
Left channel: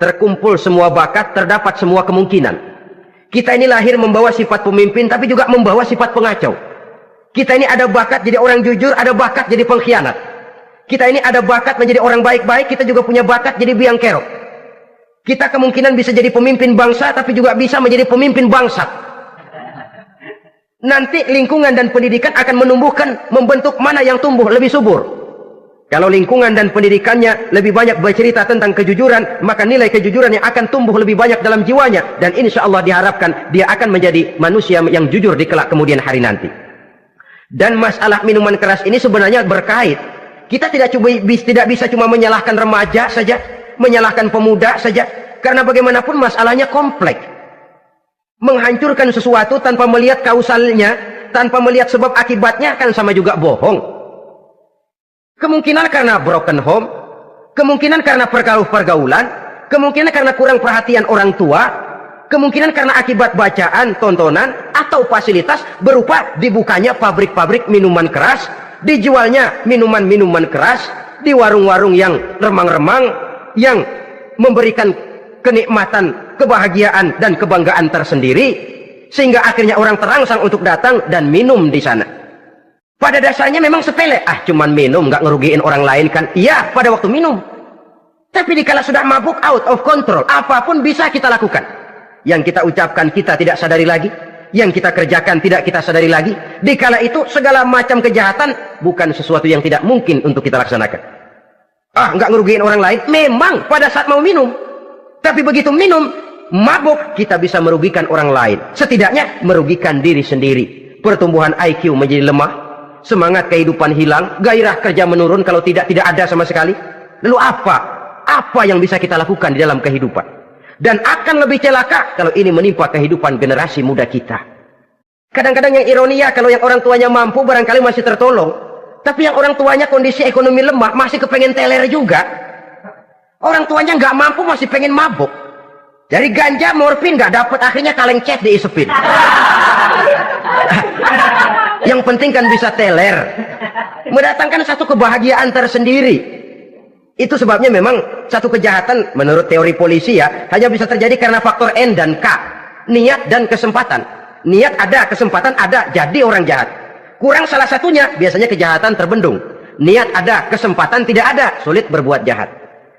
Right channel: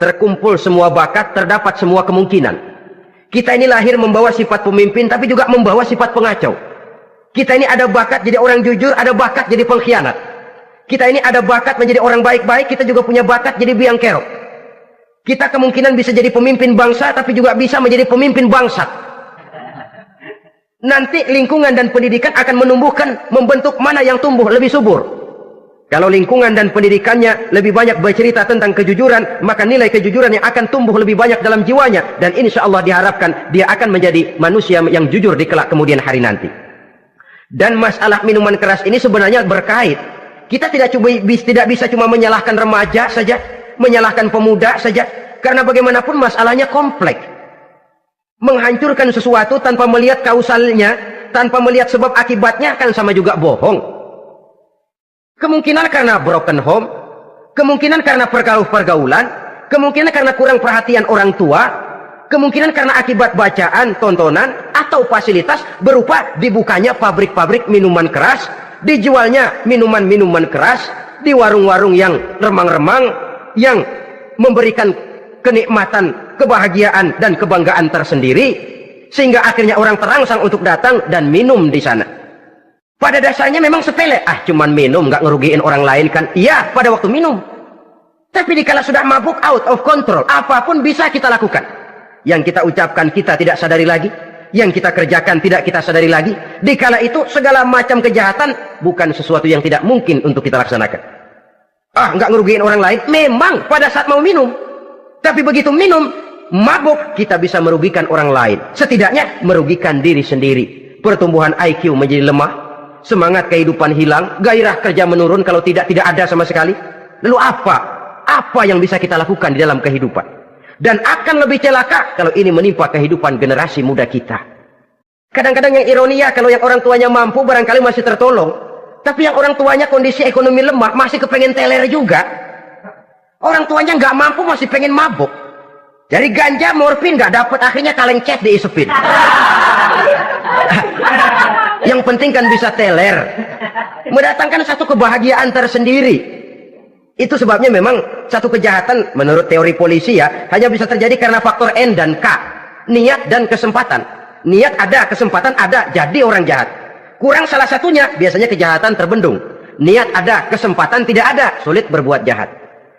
terkumpul semua bakat, terdapat semua kemungkinan. Kita ini lahir membawa sifat pemimpin, tapi juga membawa sifat pengacau. Kita ini ada bakat jadi orang jujur, ada bakat jadi pengkhianat. Kita ini ada bakat menjadi orang baik-baik, kita juga punya bakat jadi biang kerok. Kita kemungkinan bisa jadi pemimpin bangsa, tapi juga bisa menjadi pemimpin bangsat. Nanti lingkungan dan pendidikan akan menumbuhkan, membentuk mana yang tumbuh lebih subur. Kalau lingkungan dan pendidikannya lebih banyak bercerita tentang kejujuran, maka nilai kejujuran yang akan tumbuh lebih banyak dalam jiwanya. Dan insya Allah diharapkan dia akan menjadi manusia yang jujur di kelak kemudian hari nanti. Dan masalah minuman keras ini sebenarnya berkait. Kita tidak bisa cuma menyalahkan remaja saja, menyalahkan pemuda saja. Karena bagaimanapun masalahnya kompleks. Menghancurkan sesuatu tanpa melihat kausalnya, tanpa melihat sebab akibatnya, kan sama juga bohong. Kemungkinan karena broken home, kemungkinan karena pergaulan, kemungkinan karena kurang perhatian orang tua, kemungkinan karena akibat bacaan, tontonan, atau fasilitas berupa dibukanya pabrik-pabrik minuman keras, dijualnya minuman-minuman keras, di warung-warung yang remang-remang, yang memberikan kenikmatan, kebahagiaan, dan kebanggaan tersendiri, sehingga akhirnya orang terangsang untuk datang dan minum di sana. Pada dasarnya memang sepele, cuman minum, nggak ngerugiin orang lain kan? Iya, pada waktu minum. Tapi dikala sudah mabuk, out of control, apapun bisa kita lakukan. Yang kita ucapkan kita tidak sadari lagi, yang kita kerjakan tidak kita sadari lagi. Dikala itu segala macam kejahatan bukan sesuatu yang tidak mungkin untuk kita laksanakan. Nggak ngerugiin orang lain, memang pada saat mau minum. Tapi begitu minum, mabuk, kita bisa merugikan orang lain. Setidaknya merugikan diri sendiri. Pertumbuhan IQ menjadi lemah, semangat kehidupan hilang, gairah kerja menurun, kalau tidak ada sama sekali. Lalu apa yang bisa kita lakukan di dalam kehidupan? Dan akan lebih celaka kalau ini menimpa kehidupan generasi muda kita. Kadang-kadang yang ironi ya, kalau yang orang tuanya mampu barangkali masih tertolong, tapi yang orang tuanya kondisi ekonomi lemah masih kepengen teler juga. Orang tuanya nggak mampu masih pengen mabuk. Dari ganja, morfin nggak dapat, akhirnya kaleng cet diisepin. Yang penting kan bisa teler, mendatangkan satu kebahagiaan tersendiri. Itu sebabnya memang satu kejahatan menurut teori polisi ya hanya bisa terjadi karena faktor N dan K, niat dan kesempatan. Niat ada, kesempatan ada, jadi orang jahat. Kurang salah satunya, biasanya kejahatan terbendung. Niat ada, kesempatan tidak ada, sulit berbuat jahat.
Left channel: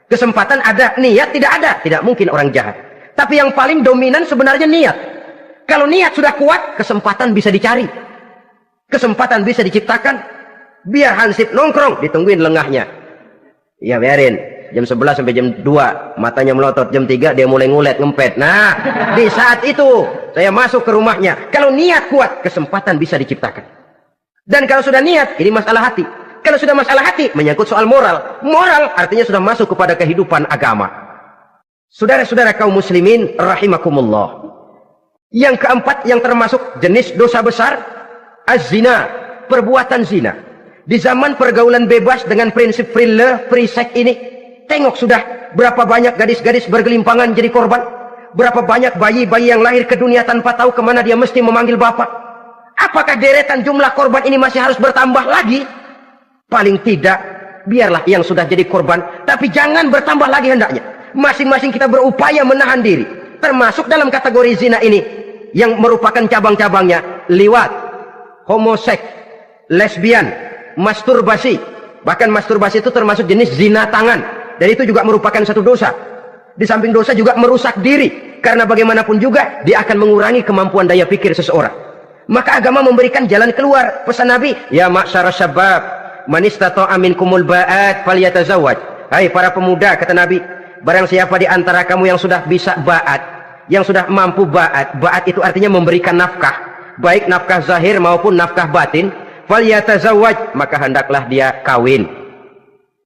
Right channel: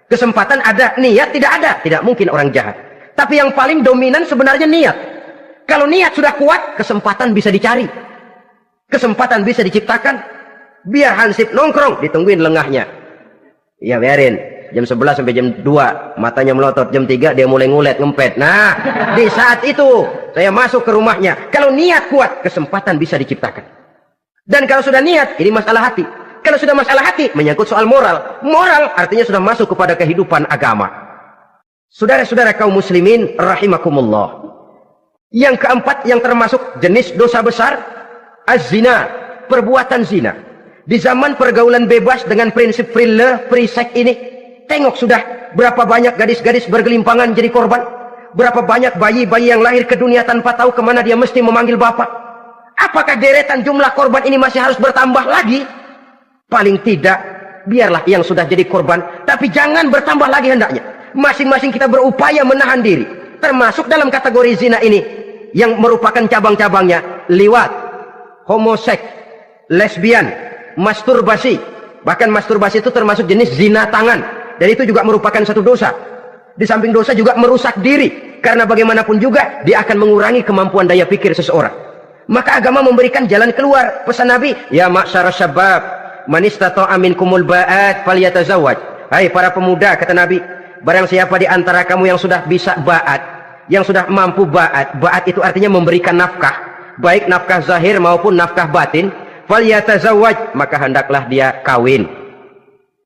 Kesempatan ada, niat tidak ada, tidak mungkin orang jahat. Tapi yang paling dominan sebenarnya niat. Kalau niat sudah kuat, kesempatan bisa dicari, kesempatan bisa diciptakan. Biar Hansip nongkrong, ditungguin lengahnya. Ya biarin, jam 11 sampai jam 2, matanya melotot, jam 3 dia mulai ngulet, ngempet. Nah, di saat itu saya masuk ke rumahnya. Kalau niat kuat, kesempatan bisa diciptakan. Dan kalau sudah niat, ini masalah hati. Kalau sudah masalah hati, menyangkut soal moral. Moral artinya sudah masuk kepada kehidupan agama. Saudara-saudara kaum muslimin rahimakumullah. Yang keempat yang termasuk jenis dosa besar, az-zina, perbuatan zina. Di zaman pergaulan bebas dengan prinsip free love, free sex ini, tengok sudah berapa banyak gadis-gadis bergelimpangan jadi korban. Berapa banyak bayi-bayi yang lahir ke dunia tanpa tahu kemana dia mesti memanggil bapak. Apakah deretan jumlah korban ini masih harus bertambah lagi? Paling tidak, biarlah yang sudah jadi korban, tapi jangan bertambah lagi hendaknya. Masing-masing kita berupaya menahan diri, termasuk dalam kategori zina ini, yang merupakan cabang-cabangnya, liwat, homoseks, lesbian, masturbasi. Bahkan masturbasi itu termasuk jenis zina tangan, dan itu juga merupakan satu dosa. Di samping dosa juga merusak diri, karena bagaimanapun juga dia akan mengurangi kemampuan daya pikir seseorang. Maka agama memberikan jalan keluar. Pesan Nabi, ya ma'syara syabab, man istata'a minkumul ba'at falyatazawwaj. Hai para pemuda, kata Nabi, barang siapa di antara kamu yang sudah bisa ba'at, yang sudah mampu ba'at. Ba'at itu artinya memberikan nafkah, baik nafkah zahir maupun nafkah batin. Falyatazawwaj, maka hendaklah dia kawin.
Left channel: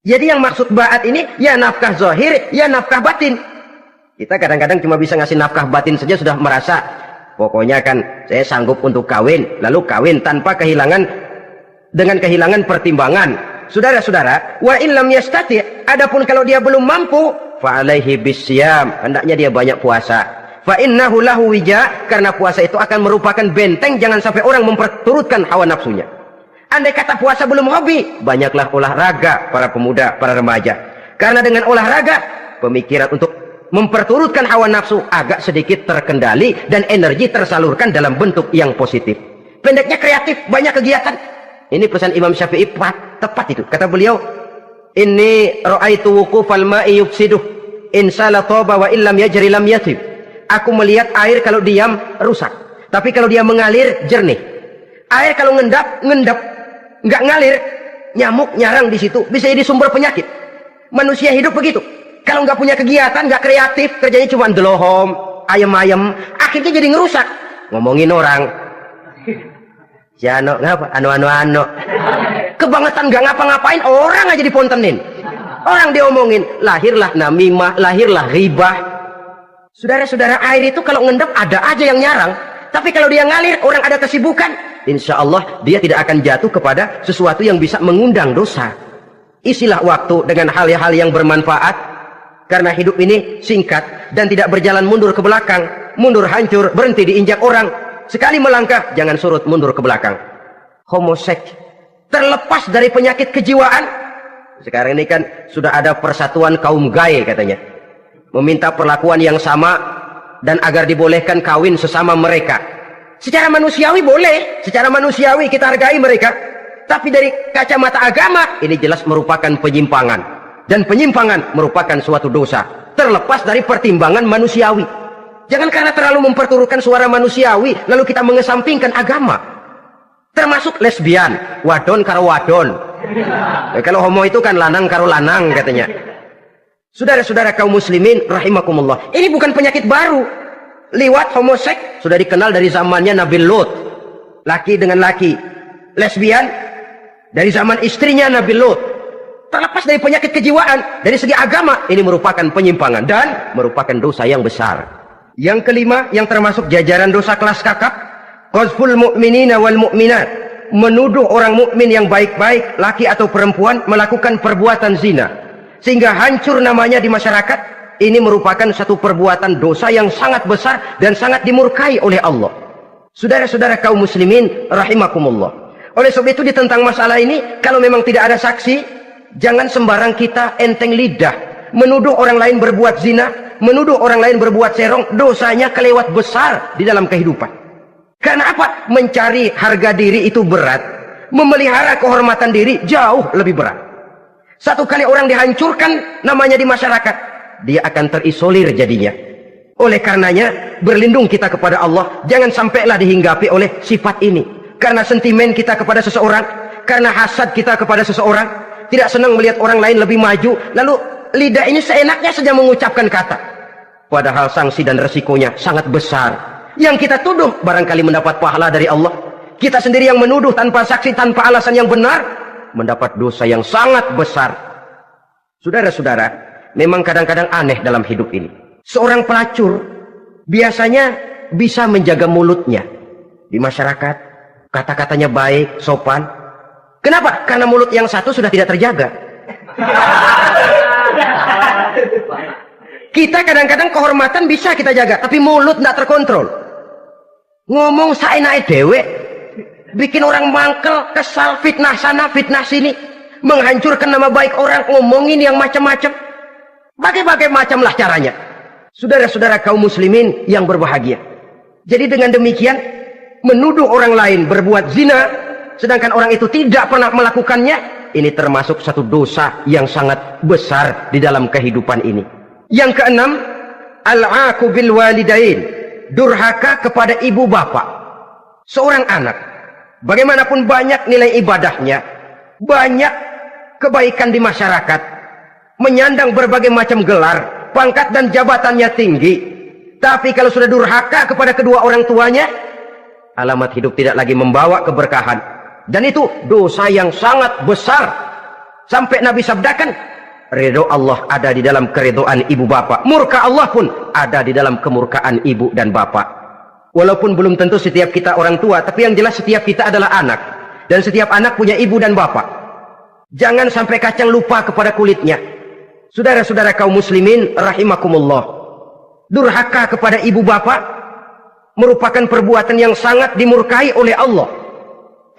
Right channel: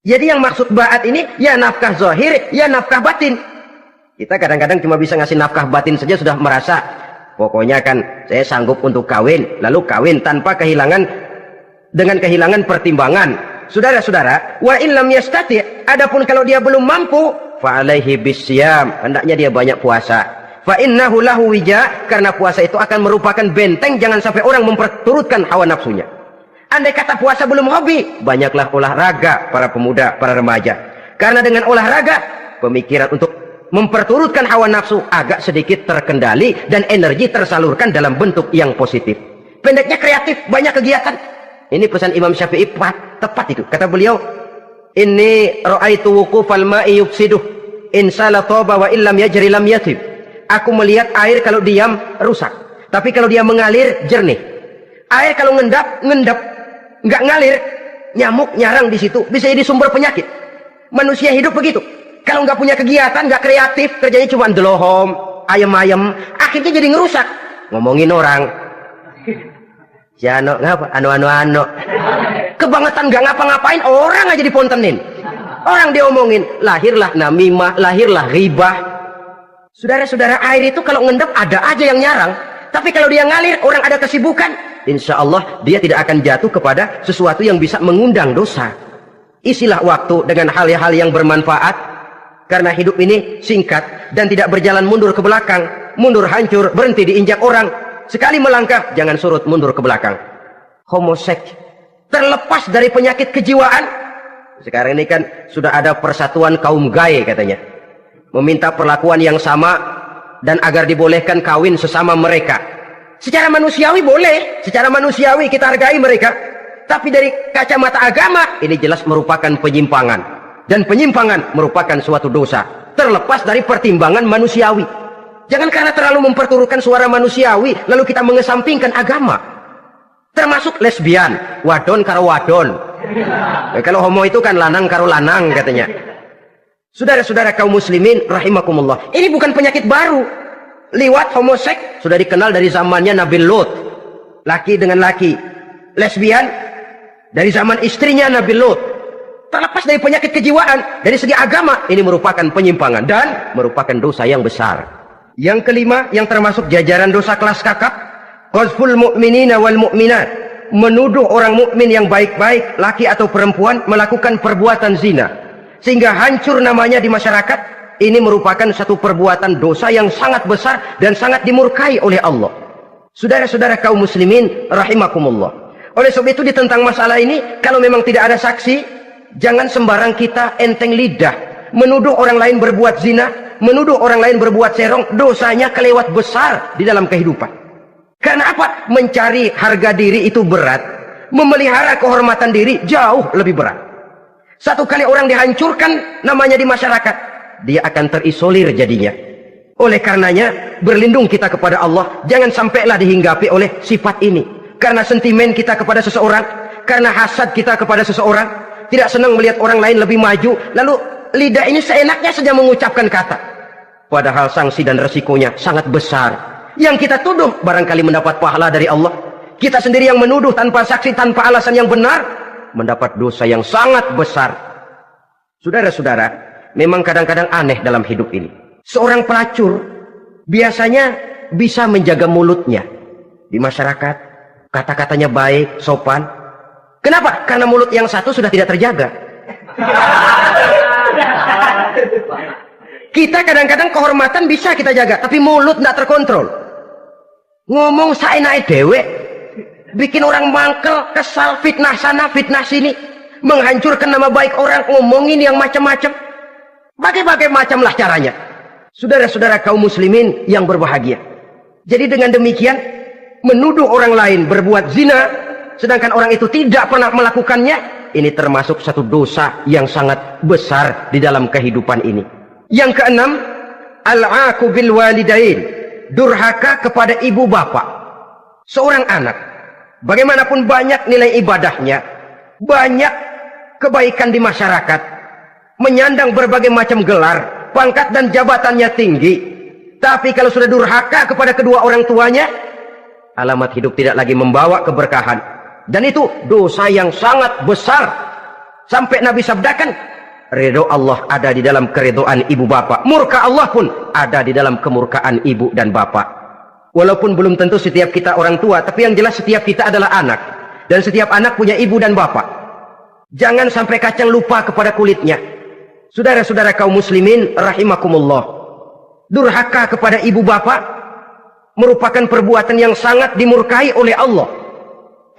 Jadi yang maksud ba'at ini ya nafkah zahir, ya nafkah batin. Kita kadang-kadang cuma bisa ngasih nafkah batin saja sudah merasa pokoknya kan saya sanggup untuk kawin, lalu kawin tanpa dengan kehilangan pertimbangan. Saudara-saudara, wa in lam yastati', adapun kalau dia belum mampu, fa alaihi bisyam, hendaknya dia banyak puasa. Fa innahu lahu wija, karena puasa itu akan merupakan benteng jangan sampai orang memperturutkan hawa nafsunya. Andai kata puasa belum hobi, banyaklah olahraga para pemuda, para remaja. Karena dengan olahraga, pemikiran untuk memperturutkan hawa nafsu agak sedikit terkendali dan energi tersalurkan dalam bentuk yang positif. Pendeknya kreatif, banyak kegiatan. Ini pesan Imam Syafi'i tepat itu. Kata beliau, inni ra'aitu wuqufal ma'i yufsiduh in sala taba wa illam yajri lam yatib. Aku melihat air kalau diam rusak, tapi kalau dia mengalir jernih. Air kalau ngendap, nggak ngalir, nyamuk nyarang di situ, bisa jadi sumber penyakit. Manusia hidup begitu. Kalau nggak punya kegiatan, nggak kreatif, kerjanya cuma delohom, ayam-ayam, akhirnya jadi ngerusak. Ngomongin orang, ya ngapa? Ano. Kebangetan nggak ngapa-ngapain, orang aja dipontenin. Orang diomongin, lahirlah namimah, lahirlah ribah. Saudara-saudara, air itu kalau ngendap ada aja yang nyarang. Tapi kalau dia ngalir, orang ada kesibukan, insya Allah dia tidak akan jatuh kepada sesuatu yang bisa mengundang dosa. Isilah waktu dengan hal-hal yang bermanfaat. Karena hidup ini singkat dan tidak berjalan mundur ke belakang. Mundur hancur, berhenti diinjak orang. Sekali melangkah, jangan surut mundur ke belakang. Homoseks terlepas dari penyakit kejiwaan. Sekarang ini kan sudah ada persatuan kaum gay katanya. Meminta perlakuan yang sama dan agar dibolehkan kawin sesama mereka. Secara manusiawi boleh, secara manusiawi kita hargai mereka. Tapi dari kacamata agama, ini jelas merupakan penyimpangan. Dan penyimpangan merupakan suatu dosa. Terlepas dari pertimbangan manusiawi. Jangan karena terlalu memperturutkan suara manusiawi, lalu kita mengesampingkan agama. Termasuk lesbian, wadon karo wadon. Kalau homo itu kan lanang karo lanang katanya. Saudara-saudara kaum muslimin rahimakumullah, ini bukan penyakit baru. Liwat, homoseks sudah dikenal dari zamannya Nabi Lut, laki dengan laki. Lesbian dari zaman istrinya Nabi Lut. Terlepas dari penyakit kejiwaan, dari segi agama ini merupakan penyimpangan dan merupakan dosa yang besar. Yang kelima, yang termasuk jajaran dosa kelas kakap, qazful mu'minina wal mu'minat, menuduh orang mukmin yang baik-baik, laki atau perempuan, melakukan perbuatan zina sehingga hancur namanya di masyarakat. Ini merupakan satu perbuatan dosa yang sangat besar dan sangat dimurkai oleh Allah. Saudara-saudara kaum muslimin rahimakumullah, oleh sebab itu tentang masalah ini, kalau memang tidak ada saksi, jangan sembarang kita enteng lidah menuduh orang lain berbuat zina, menuduh orang lain berbuat serong. Dosanya kelewat besar di dalam kehidupan. Karena apa? Mencari harga diri itu berat, memelihara kehormatan diri jauh lebih berat. Satu kali orang dihancurkan namanya di masyarakat, dia akan terisolir jadinya. Oleh karenanya, berlindung kita kepada Allah, jangan sampailah dihinggapi oleh sifat ini. Karena sentimen kita kepada seseorang, karena hasad kita kepada seseorang, tidak senang melihat orang lain lebih maju, lalu lidah ini seenaknya saja mengucapkan kata. Padahal sanksi dan resikonya sangat besar. Yang kita tuduh barangkali mendapat pahala dari Allah. Kita sendiri yang menuduh tanpa saksi, tanpa alasan yang benar, mendapat dosa yang sangat besar. Saudara-saudara, memang kadang-kadang aneh dalam hidup ini. Seorang pelacur biasanya bisa menjaga mulutnya di masyarakat, kata-katanya baik, sopan. Kenapa? Karena mulut yang satu sudah tidak terjaga. Kita kadang-kadang kehormatan bisa kita jaga, tapi mulut tidak terkontrol. Ngomong saenake dhewe, bikin orang mangkel, kesal, fitnah sana, fitnah sini, menghancurkan nama baik orang, ngomongin yang macam-macam. Bagai-bagai macamlah caranya. Saudara-saudara kaum muslimin yang berbahagia. Jadi dengan demikian, menuduh orang lain berbuat zina, sedangkan orang itu tidak pernah melakukannya, ini termasuk satu dosa yang sangat besar di dalam kehidupan ini. Yang keenam, al-'aqu bil walidain, durhaka kepada ibu bapak. Seorang anak, bagaimanapun banyak nilai ibadahnya, banyak kebaikan di masyarakat, menyandang berbagai macam gelar, pangkat dan jabatannya tinggi, tapi kalau sudah durhaka kepada kedua orang tuanya, alamat hidup tidak lagi membawa keberkahan. Dan itu dosa yang sangat besar. Sampai Nabi sabdakan, ridho Allah ada di dalam keridhaan ibu bapak, murka Allah pun ada di dalam kemurkaan ibu dan bapak. Walaupun belum tentu setiap kita orang tua, tapi yang jelas setiap kita adalah anak. Dan setiap anak punya ibu dan bapak. Jangan sampai kacang lupa kepada kulitnya. Saudara-saudara kaum muslimin rahimakumullah, durhaka kepada ibu bapak merupakan perbuatan yang sangat dimurkai oleh Allah.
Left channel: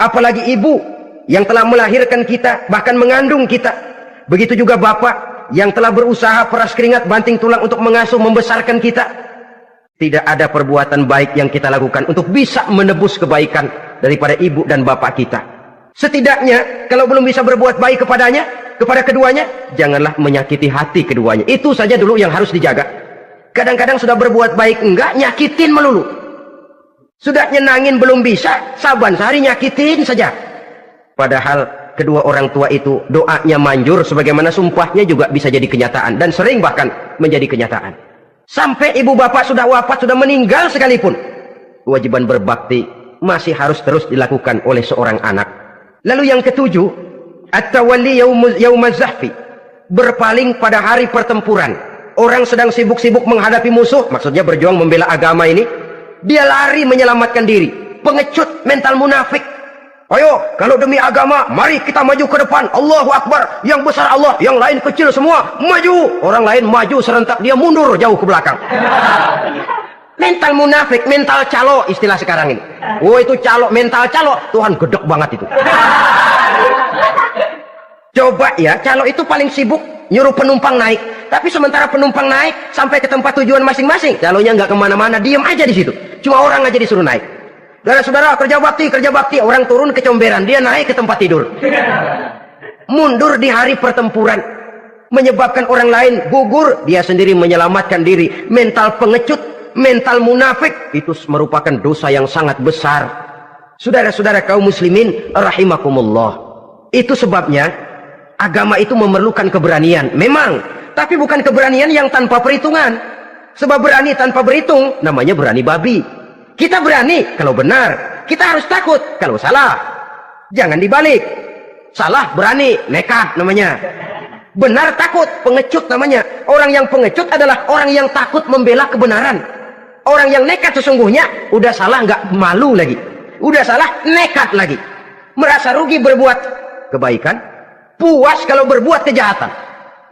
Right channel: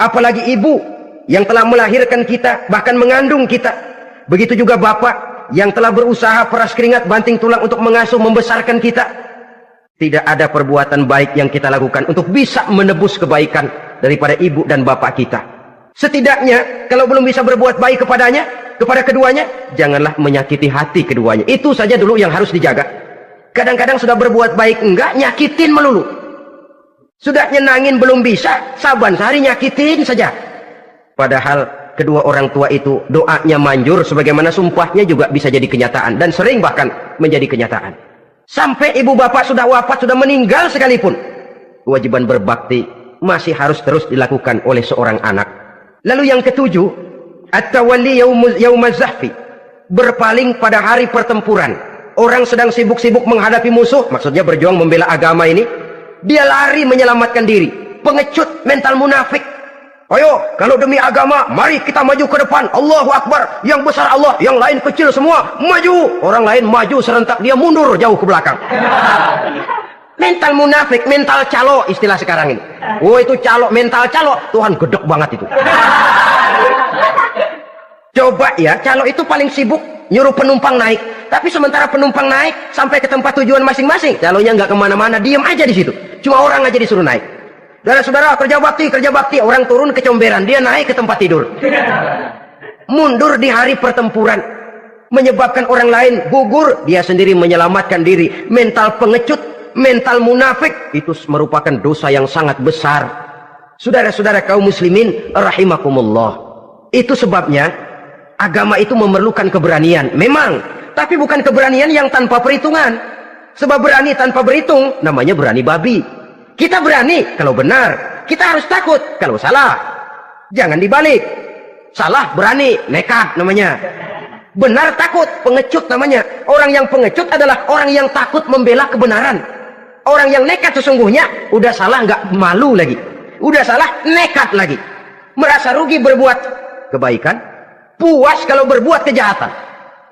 Apalagi ibu yang telah melahirkan kita, bahkan mengandung kita. Begitu juga bapak yang telah berusaha peras keringat banting tulang untuk mengasuh membesarkan kita. Tidak ada perbuatan baik yang kita lakukan untuk bisa menebus kebaikan daripada ibu dan bapak kita. Setidaknya kalau belum bisa berbuat baik kepadanya, kepada keduanya, janganlah menyakiti hati keduanya. Itu saja dulu yang harus dijaga. Kadang-kadang sudah berbuat baik enggak, nyakitin melulu. Sudah nyenangin belum bisa, saban sehari nyakitin saja. Padahal kedua orang tua itu doanya manjur, sebagaimana sumpahnya juga bisa jadi kenyataan. Dan sering bahkan menjadi kenyataan. Sampai ibu bapak sudah wafat, sudah meninggal sekalipun, kewajiban berbakti masih harus terus dilakukan oleh seorang anak. Lalu yang ketujuh, at-tawalli yaumaz zahfi, berpaling pada hari pertempuran. Orang sedang sibuk-sibuk menghadapi musuh, maksudnya berjuang membela agama ini, dia lari menyelamatkan diri. Pengecut, mental munafik. Ayo, kalau demi agama, mari kita maju ke depan. Allahu Akbar. Yang besar Allah, yang lain kecil semua. Maju. Orang lain maju serentak, dia mundur jauh ke belakang. Mental munafik, mental calo istilah sekarang ini. Oh, itu calo, mental calo. Tuhan gedek banget itu. Coba ya, calo itu paling sibuk nyuruh penumpang naik. Tapi sementara penumpang naik sampai ke tempat tujuan masing-masing, calonya nggak kemana-mana, diam aja di situ. Cuma orang aja disuruh naik. Saudara-saudara, kerja bakti, orang turun ke comberan, dia naik ke tempat tidur. Mundur di hari pertempuran, menyebabkan orang lain gugur, dia sendiri menyelamatkan diri. Mental pengecut, mental munafik, itu merupakan dosa yang sangat besar. Saudara-saudara kaum muslimin rahimakumullah, itu sebabnya agama itu memerlukan keberanian, memang, tapi bukan keberanian yang tanpa perhitungan. Sebab berani tanpa berhitung namanya berani babi. Kita berani kalau benar, kita harus takut kalau salah. Jangan dibalik. Salah berani, nekat namanya. Benar takut, pengecut namanya. Orang yang pengecut adalah orang yang takut membela kebenaran. Orang yang nekat sesungguhnya udah salah nggak malu lagi, udah salah nekat lagi, merasa rugi berbuat kebaikan, puas kalau berbuat kejahatan.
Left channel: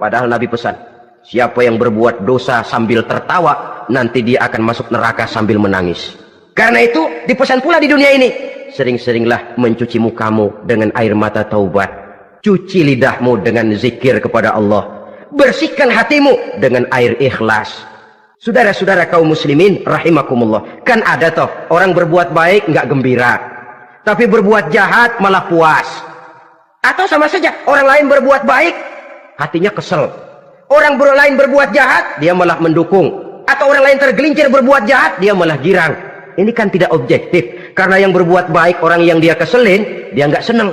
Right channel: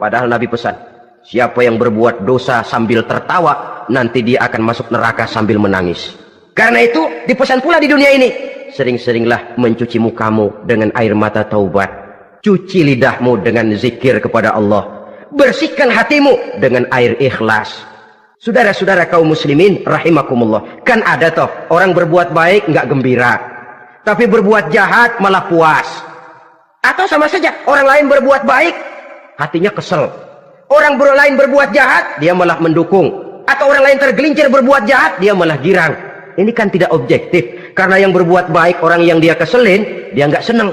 Padahal Nabi pesan, siapa yang berbuat dosa sambil tertawa, nanti dia akan masuk neraka sambil menangis. Karena itu dipesan pula di dunia ini, sering-seringlah mencuci mukamu dengan air mata taubat, cuci lidahmu dengan zikir kepada Allah, bersihkan hatimu dengan air ikhlas. Saudara-saudara kaum muslimin rahimakumullah, kan ada toh orang berbuat baik nggak gembira, tapi berbuat jahat malah puas. Atau sama saja, orang lain berbuat baik hatinya kesel, orang lain berbuat jahat dia malah mendukung, atau orang lain tergelincir berbuat jahat dia malah girang. Ini kan tidak objektif, karena yang berbuat baik orang yang dia keselin dia nggak seneng,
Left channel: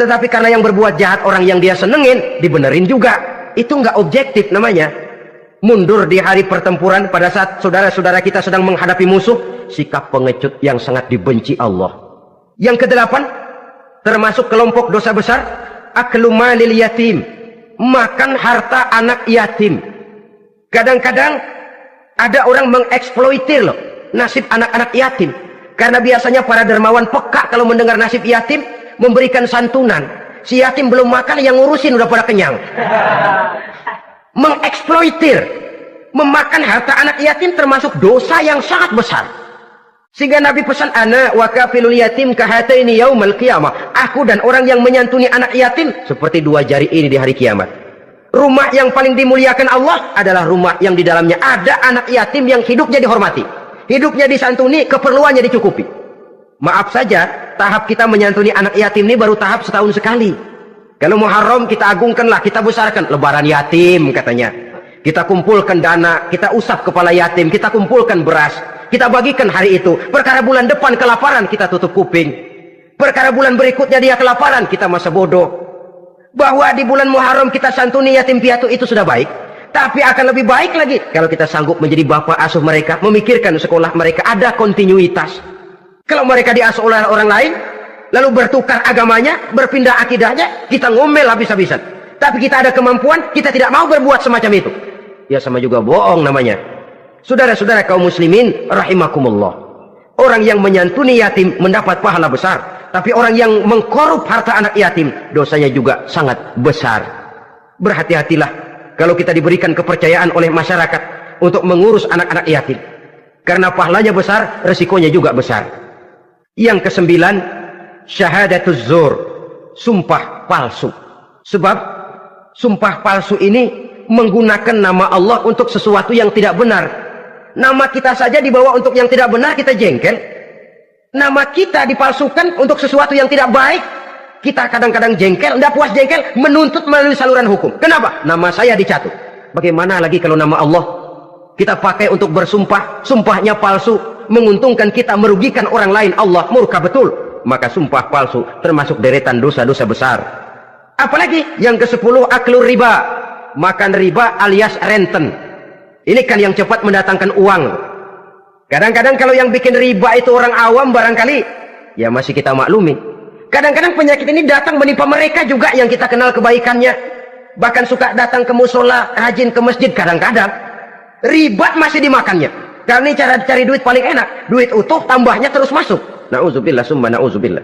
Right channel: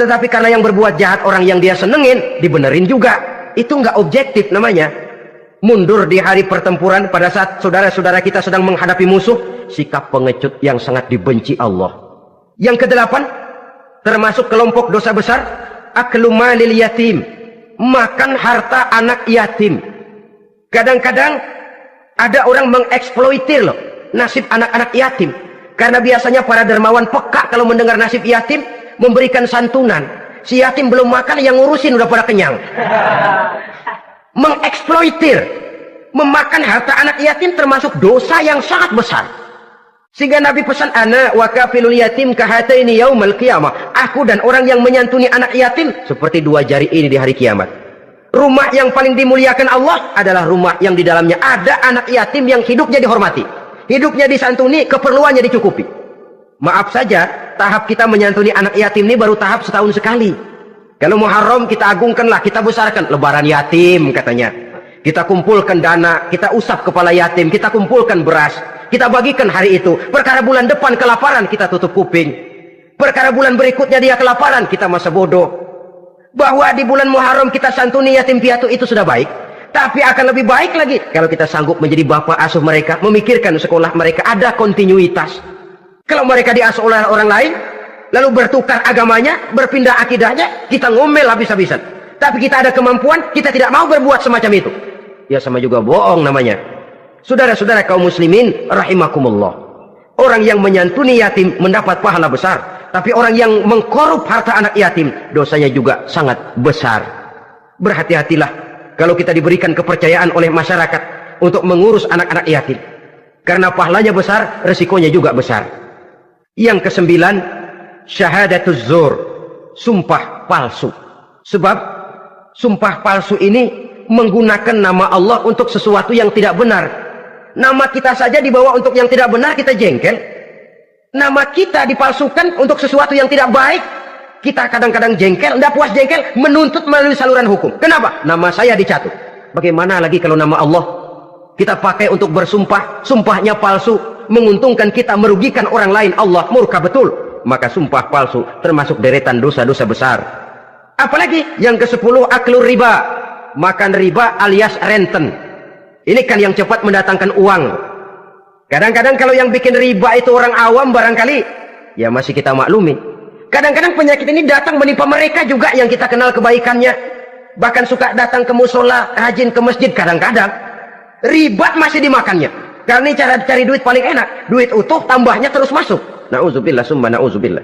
tetapi karena yang berbuat jahat orang yang dia senengin dibenerin juga. Itu nggak objektif namanya. Mundur di hari pertempuran pada saat saudara-saudara kita sedang menghadapi musuh, sikap pengecut yang sangat dibenci Allah. Yang kedelapan, termasuk kelompok dosa besar, aklu malil yatim, makan harta anak yatim. Kadang-kadang ada orang mengeksploitir loh nasib anak-anak yatim, karena biasanya para dermawan peka kalau mendengar nasib yatim, memberikan santunan. Si yatim belum makan, yang ngurusin udah pada kenyang. Mengeksploitir, memakan harta anak yatim termasuk dosa yang sangat besar. Sehingga Nabi pesan, ana wa kafilul yatim kahataini yaumal qiyamah, aku dan orang yang menyantuni anak yatim seperti dua jari ini di hari kiamat. Rumah yang paling dimuliakan Allah adalah rumah yang di dalamnya ada anak yatim yang hidupnya dihormati, hidupnya disantuni, keperluannya dicukupi. Maaf saja, tahap kita menyantuni anak yatim ini baru tahap setahun sekali. Kalau Muharram kita agungkanlah, kita besarkan. Lebaran yatim katanya, kita kumpulkan dana, kita usap kepala yatim, kita kumpulkan beras, kita bagikan hari itu. Perkara bulan depan kelaparan, kita tutup kuping. Perkara bulan berikutnya dia kelaparan, kita masa bodoh. Bahwa di bulan Muharram kita santuni yatim piatu itu sudah baik. Tapi akan lebih baik lagi kalau kita sanggup menjadi bapak asuh mereka, memikirkan sekolah mereka, ada kontinuitas. Kalau mereka diasuh oleh orang lain, lalu bertukar agamanya, berpindah akidahnya, kita ngomel habis-habisan. Tapi kita ada kemampuan, kita tidak mau berbuat semacam itu. Ya sama juga bohong namanya. Saudara-saudara kaum muslimin rahimakumullah, orang yang menyantuni yatim mendapat pahala besar, tapi orang yang mengkorup harta anak yatim dosanya juga sangat besar. Berhati-hatilah kalau kita diberikan kepercayaan oleh masyarakat untuk mengurus anak-anak yatim, karena pahalanya besar, resikonya juga besar. Yang kesembilan, syahadatuz zur, sumpah palsu. Sebab sumpah palsu ini menggunakan nama Allah untuk sesuatu yang tidak benar. Nama kita saja dibawa untuk yang tidak benar, kita jengkel. Nama kita dipalsukan untuk sesuatu yang tidak baik, kita kadang-kadang jengkel, tidak puas jengkel, menuntut melalui saluran hukum. Kenapa? Nama saya dicatut. Bagaimana lagi kalau nama Allah kita pakai untuk bersumpah, sumpahnya palsu, menguntungkan kita, merugikan orang lain, Allah murka betul. Maka sumpah palsu termasuk deretan dosa-dosa besar. Apalagi yang ke-10, aklur riba, makan riba alias renten. Ini kan yang cepat mendatangkan uang. Kadang-kadang kalau yang bikin riba itu orang awam barangkali, ya masih kita maklumi. Kadang-kadang penyakit ini datang menimpa mereka juga yang kita kenal kebaikannya. Bahkan suka datang ke musola, rajin ke masjid. Kadang-kadang riba masih dimakannya. Karena ini cara cari duit paling enak. Duit utuh, tambahnya terus masuk. Na'udzubillah summa na'udzubillah.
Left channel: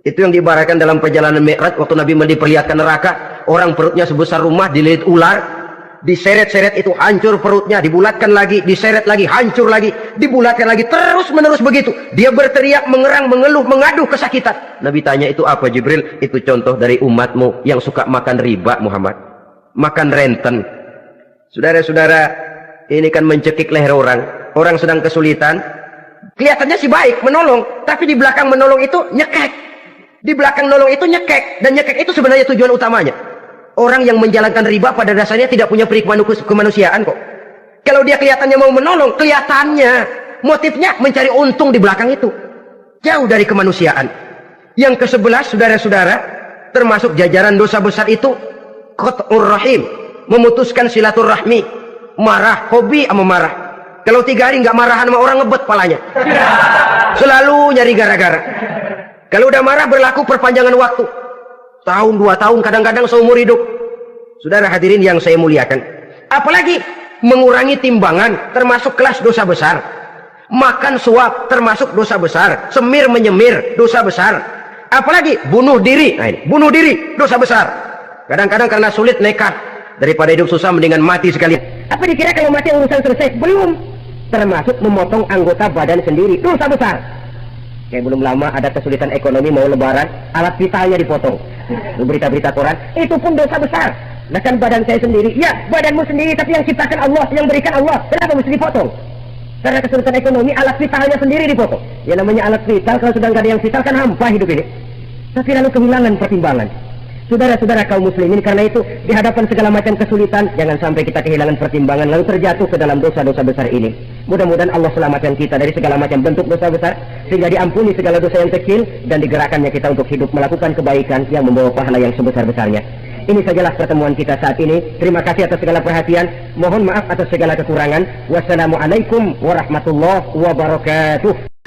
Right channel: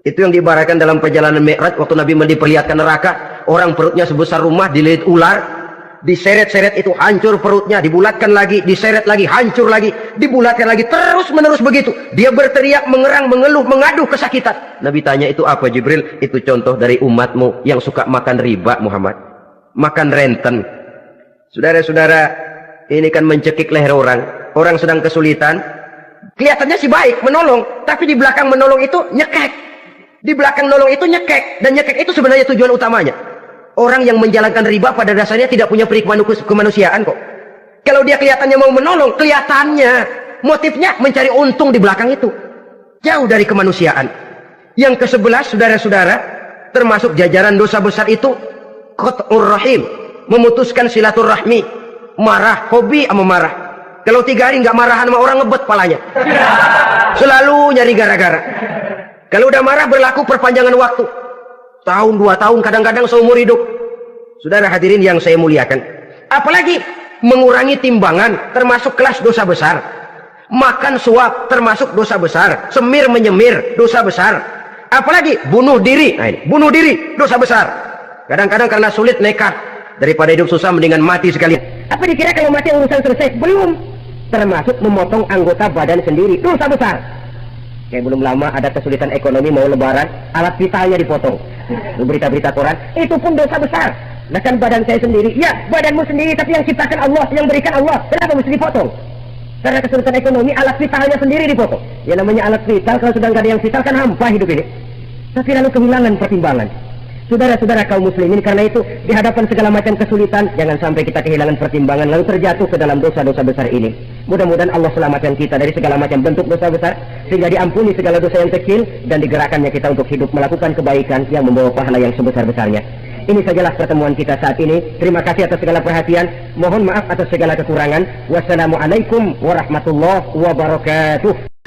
Itu yang diibaratkan dalam perjalanan Mi'raj waktu Nabi diperlihatkan neraka, orang perutnya sebesar rumah dililit ular, diseret-seret itu hancur perutnya, dibulatkan lagi, diseret lagi, hancur lagi, dibulatkan lagi, terus menerus begitu. Dia berteriak, mengerang, mengeluh, mengaduh kesakitan. Nabi tanya, itu apa Jibril? Itu contoh dari umatmu yang suka makan riba Muhammad, makan renten. Saudara-saudara, ini kan mencekik leher orang sedang kesulitan, kelihatannya sih baik, menolong, tapi di belakang menolong itu nyekek. Di belakang nolong itu nyekek, dan nyekek itu sebenarnya tujuan utamanya. Orang yang menjalankan riba pada dasarnya tidak punya peri kemanusiaan kok. Kalau dia kelihatannya mau menolong, kelihatannya motifnya mencari untung di belakang itu. Jauh dari kemanusiaan. Yang ke-11, saudara-saudara, termasuk jajaran dosa besar itu qat'ur rahim, memutuskan silaturahmi, marah, hobi sama marah. Kalau 3 hari nggak marahan sama orang, ngebet palanya. Selalu nyari gara-gara. Kalau udah marah berlaku perpanjangan waktu. Tahun, 2 tahun, kadang-kadang seumur hidup. Saudara hadirin yang saya muliakan. Apalagi mengurangi timbangan termasuk kelas dosa besar. Makan suap termasuk dosa besar. Semir menyemir dosa besar. Apalagi bunuh diri. Nah ini, bunuh diri dosa besar. Kadang-kadang karena sulit nekat. Daripada hidup susah mendingan mati sekalian. Apa dikira kalau mati urusan selesai? Belum. Termasuk memotong anggota badan sendiri. Dosa besar. Kayak belum lama ada kesulitan ekonomi mau lebaran, alat vitalnya dipotong. Berita-berita koran, itu pun dosa besar. Nah kan badan saya sendiri, ya badanmu sendiri, tapi yang ciptakan Allah, yang berikan Allah, kenapa mesti dipotong? Karena kesulitan ekonomi, alat vitalnya sendiri dipotong. Ya namanya alat vital, kalau sudah nggak ada yang vital kan hampa hidup ini. Tapi lalu kehilangan pertimbangan. Saudara-saudara kaum muslimin, karena itu di hadapan segala macam kesulitan, jangan sampai kita kehilangan pertimbangan lalu terjatuh ke dalam dosa-dosa besar ini. Mudah-mudahan Allah selamatkan kita dari segala macam bentuk dosa besar, sehingga diampuni segala dosa yang kecil dan digerakkannya kita untuk hidup melakukan kebaikan yang membawa pahala yang sebesar-besarnya. Ini sajalah pertemuan kita saat ini. Terima kasih atas segala perhatian. Mohon maaf atas segala kekurangan. Wassalamualaikum warahmatullahi wabarakatuh.